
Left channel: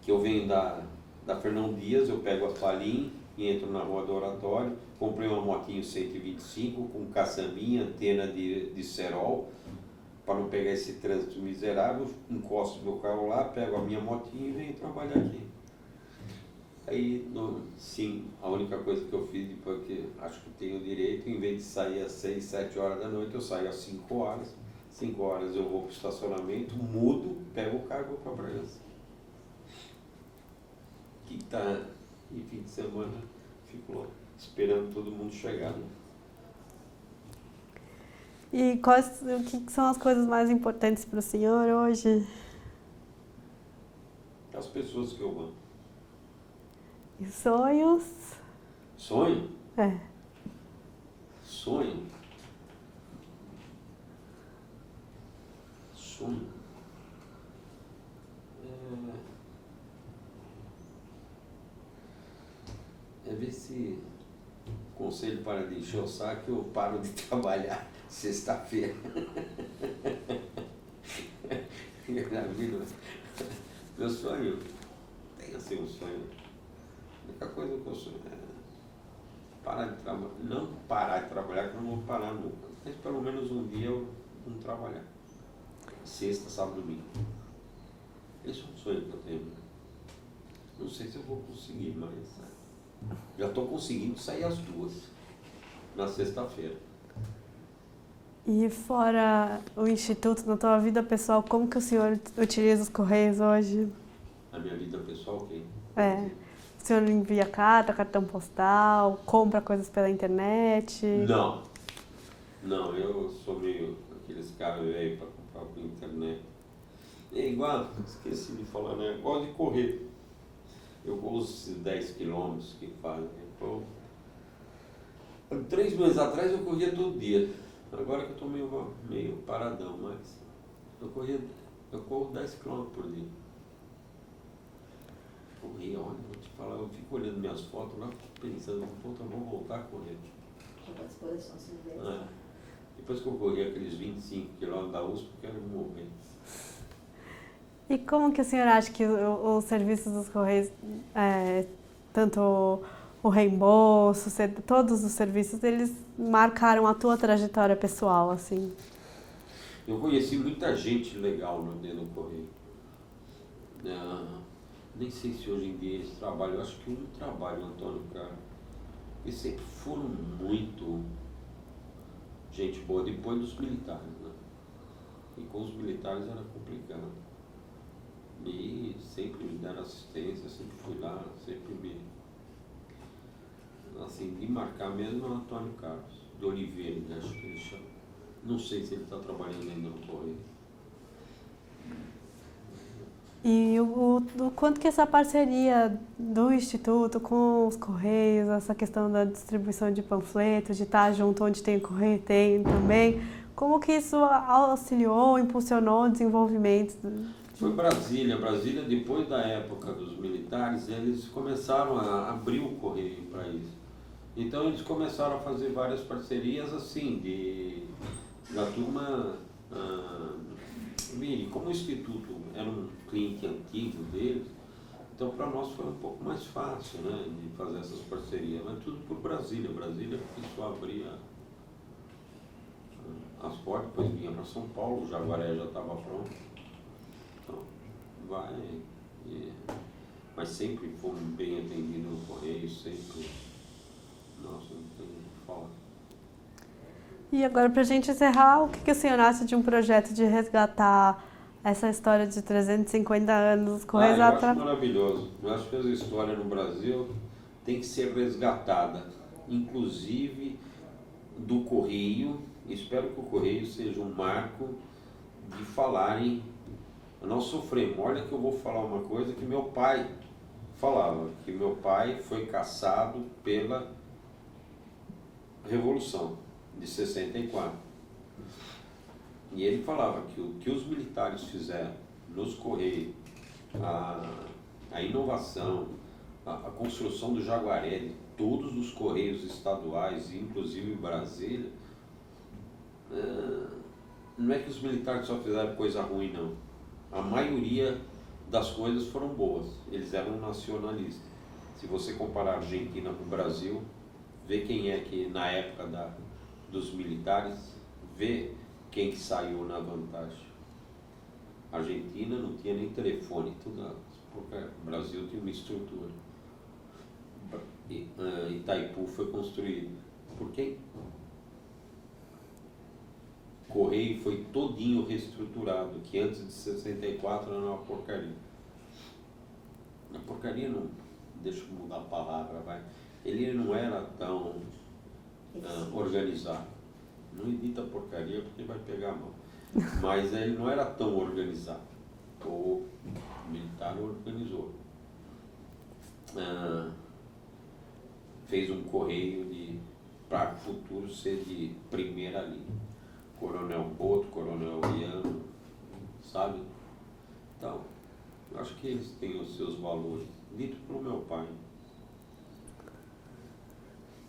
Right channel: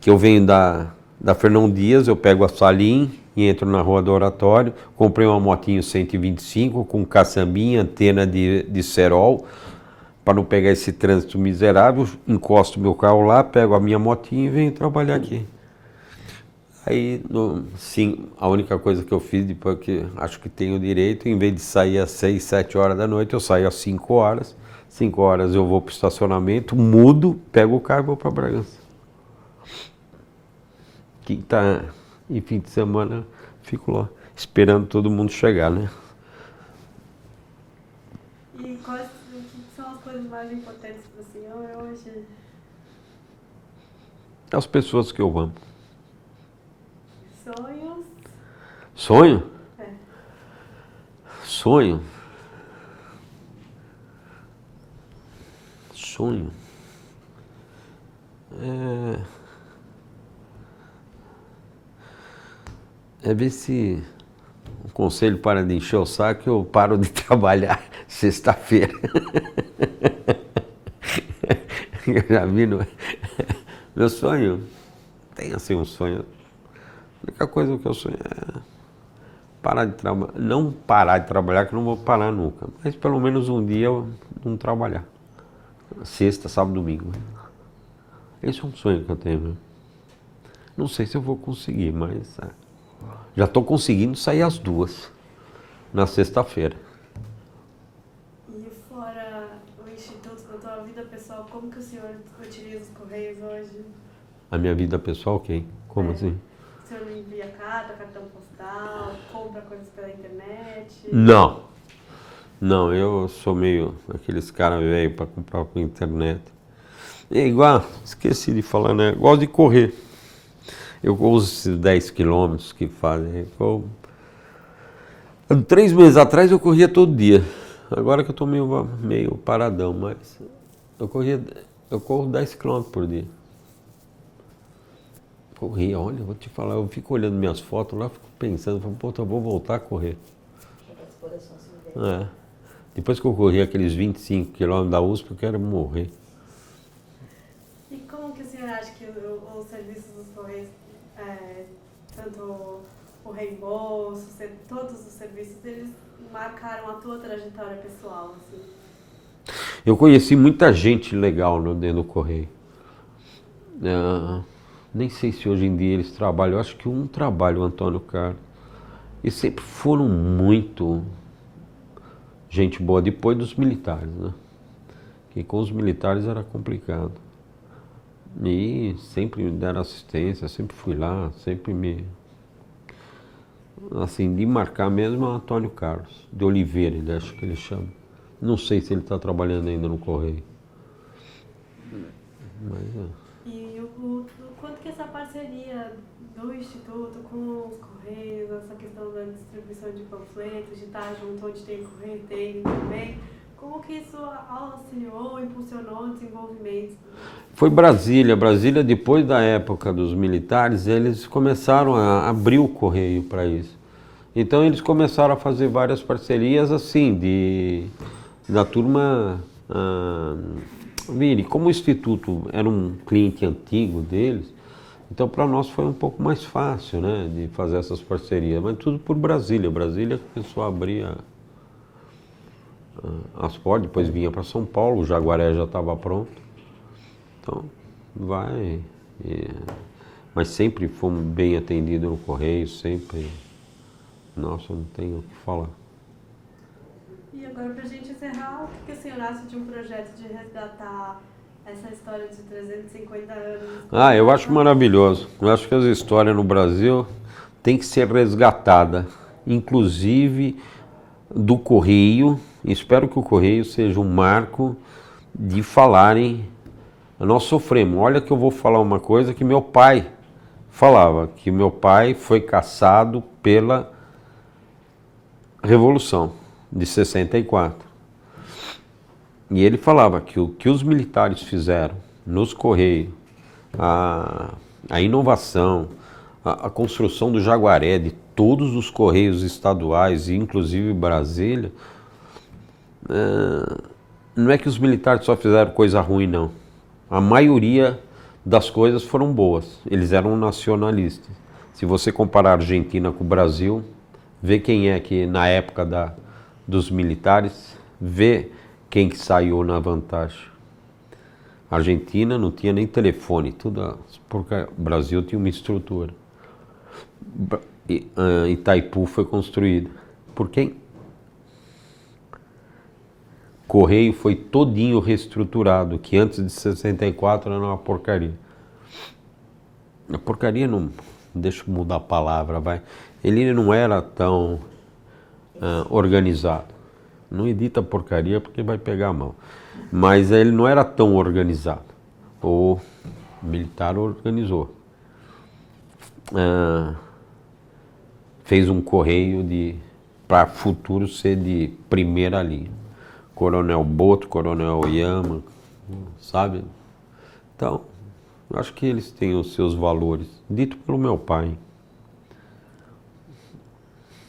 que eu venho da Fernão Dias, eu pego a Salim e entro na Rua do Oratório, comprei uma motinho 125 com caçambinha, antena de cerol, para não pegar esse trânsito miserável, encosto meu carro lá, pego a minha motinha e venho trabalhar aqui. Aí, sim, a única coisa que eu fiz, depois que acho que tenho direito, em vez de sair às 6, 7 horas da noite, eu saio às 5 horas. 5 horas eu vou para o estacionamento, mudo, pego o carro e vou para Bragança. Quinta e fim de semana fico lá, esperando todo mundo chegar, né? E o que são as coisas mais importantes para o senhor hoje? As pessoas que eu amo. E sonhos? Sonho? É. Sonho? Sonho? É ver se o conselho para de encher o saco, eu paro de trabalhar sexta-feira. Eu já vi no... Meu sonho, tem assim um sonho. A única coisa que eu sonho é parar de trabalhar. Não parar de trabalhar, que eu não vou parar nunca. Mas pelo menos um dia eu não trabalhar. Sexta, sábado, domingo. Esse é um sonho que eu tenho. Né? Não sei se eu vou conseguir, mas já estou conseguindo sair às 2 na sexta-feira. E fora o Instituto, na tua vida pessoal, como que o senhor utiliza os Correios hoje? A minha vida pessoal, ok? Como assim? O senhor envia carta, cartão postal, compra coisas pela internet? Não. Não, eu sou meio aqueles caras velhos para comprar pela internet. É igual, esqueci de falar, né? Eu gosto de correr. Eu corro esses 10 quilômetros que fazem. 3 meses atrás eu corria todo dia. Agora que eu estou meio paradão, mas eu corro 10 quilômetros por dia. Corria, olha, vou te falar, eu fico olhando minhas fotos lá, fico pensando, pô, eu vou voltar a correr. Depois que eu corri aqueles 25 quilômetros da USP, eu quero morrer. E como que o senhor acha que os serviços dos Correios, tanto o reembolso, todos os serviços, eles marcaram a tua trajetória pessoal, assim? Eu conheci muita gente legal dentro do Correio. Nem sei se hoje em dia eles trabalham, eu acho que um trabalha, o Antônio Carlos. E sempre foram muito gente boa, depois dos militares, né? Que com os militares era complicado. E sempre me deram assistência, sempre fui lá, sempre me... Assim, de marcar mesmo é o Antônio Carlos, de Oliveira, ele acho que ele chama. Não sei se ele está trabalhando ainda no Correio. Mas, E o quanto que essa parceria do Instituto com os Correios, essa questão da distribuição de panfletos, de estar junto onde tem o Correio, tem também, como que isso auxiliou, impulsionou o desenvolvimento? Foi Brasília. Brasília, depois da época dos militares, eles começaram a abrir o Correio para isso. Então eles começaram a fazer várias parcerias assim, da turma... Vire, como o Instituto era um cliente antigo deles, então para nós foi um pouco mais fácil, né, de fazer essas parcerias, mas tudo por Brasília. Brasília começou a abrir as portas, depois vinha para São Paulo, o Jaguaré já estava pronto. Então, mas sempre fomos bem atendidos no Correio, sempre. Nossa, não tenho o que falar. E agora, para a gente encerrar, o que o senhor acha de um projeto de resgatar essa história de 350 anos? Eu acho maravilhoso. Eu acho que as histórias no Brasil têm que ser resgatadas, inclusive do Correio. Espero que o Correio seja um marco de falarem. Nós sofremos. Olha que eu vou falar uma coisa que meu pai falava, que meu pai foi caçado pela Revolução de 64. E ele falava que o que os militares fizeram nos Correios, a inovação, a construção do Jaguaré, de todos os Correios estaduais, inclusive Brasília, não é que os militares só fizeram coisa ruim, não. A maioria das coisas foram boas. Eles eram nacionalistas. Se você comparar a Argentina com o Brasil, vê quem é que na época dos militares, vê quem que saiu na vantagem. A Argentina não tinha nem telefone, tudo, porque o Brasil tinha uma estrutura. Itaipu foi construído por quem? Correio foi todinho reestruturado, que antes de 64 era uma porcaria. A porcaria não, deixa eu mudar a palavra, vai. Ele não era tão organizado. Não edita porcaria porque vai pegar a mão. Mas ele não era tão organizado. O militar organizou. fez um correio para futuro ser de primeira linha. Coronel Boto, Coronel Oyama, sabe? Então, acho que eles têm os seus valores, dito pelo meu pai.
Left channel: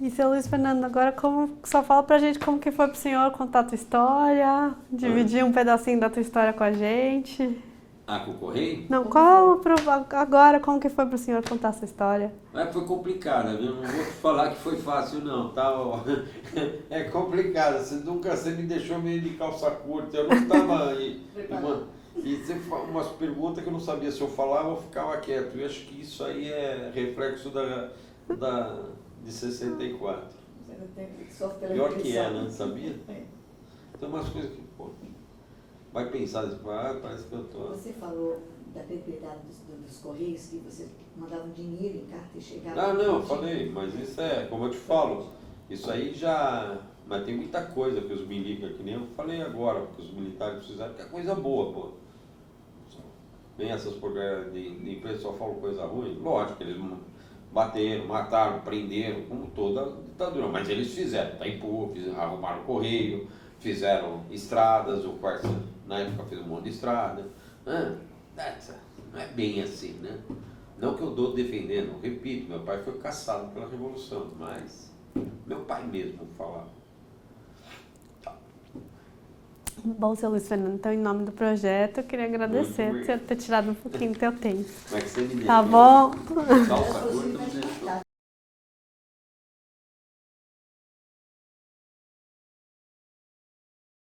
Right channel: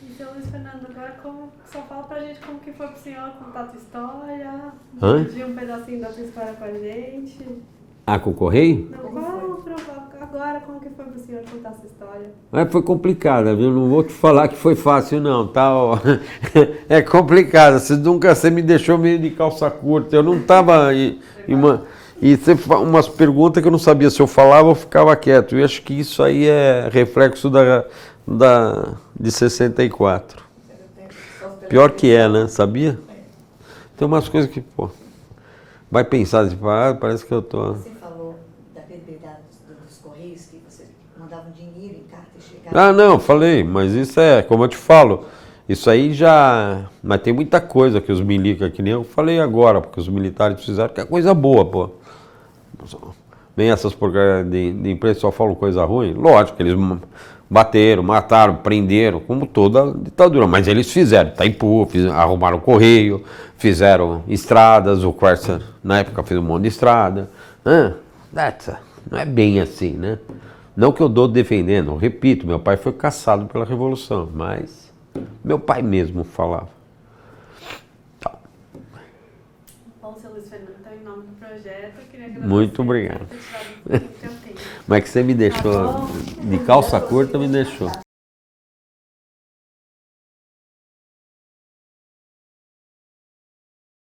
E seu Luiz Fernando, agora só fala pra gente como que foi pro senhor contar a tua história, dividir um pedacinho da tua história com a gente. Ah, com o correio? Não, agora como que foi pro senhor contar essa história? Foi complicada, viu? Não vou te falar que foi fácil, não, tá? É complicado, você me deixou meio de calça curta, eu não tava... E você umas perguntas que eu não sabia se eu falava ou ficava quieto. Eu acho que isso aí é reflexo de 64. Pior que é, né? Sabia? Tem umas coisas que, pô, vai pensar, tipo, parece que eu tô... Você falou da perpetuidade dos Correios, que você mandava dinheiro em carta e chegava... Não, falei, mas isso é, como eu te falo, isso aí já... Mas tem muita coisa que os militares, que nem eu falei agora, porque os militares fizeram, que é coisa boa, pô. Nem essas porcarias de imprensa só falam coisa ruim. Lógico que eles bateram, mataram, prenderam, como toda ditadura. Mas eles fizeram Itaipu, arrumaram o correio, fizeram estradas, o Quercia na época fez um monte de estrada. Não é bem assim, né? Não que eu dou defendendo, eu repito, meu pai foi caçado pela Revolução, mas meu pai mesmo falava. Bom, seu Luiz Fernando, então, em nome do projeto, eu queria agradecer Muito obrigado por ter tirado um pouquinho do teu tempo. Como é que você me deixou? Tá bom? De calça curta me deixou.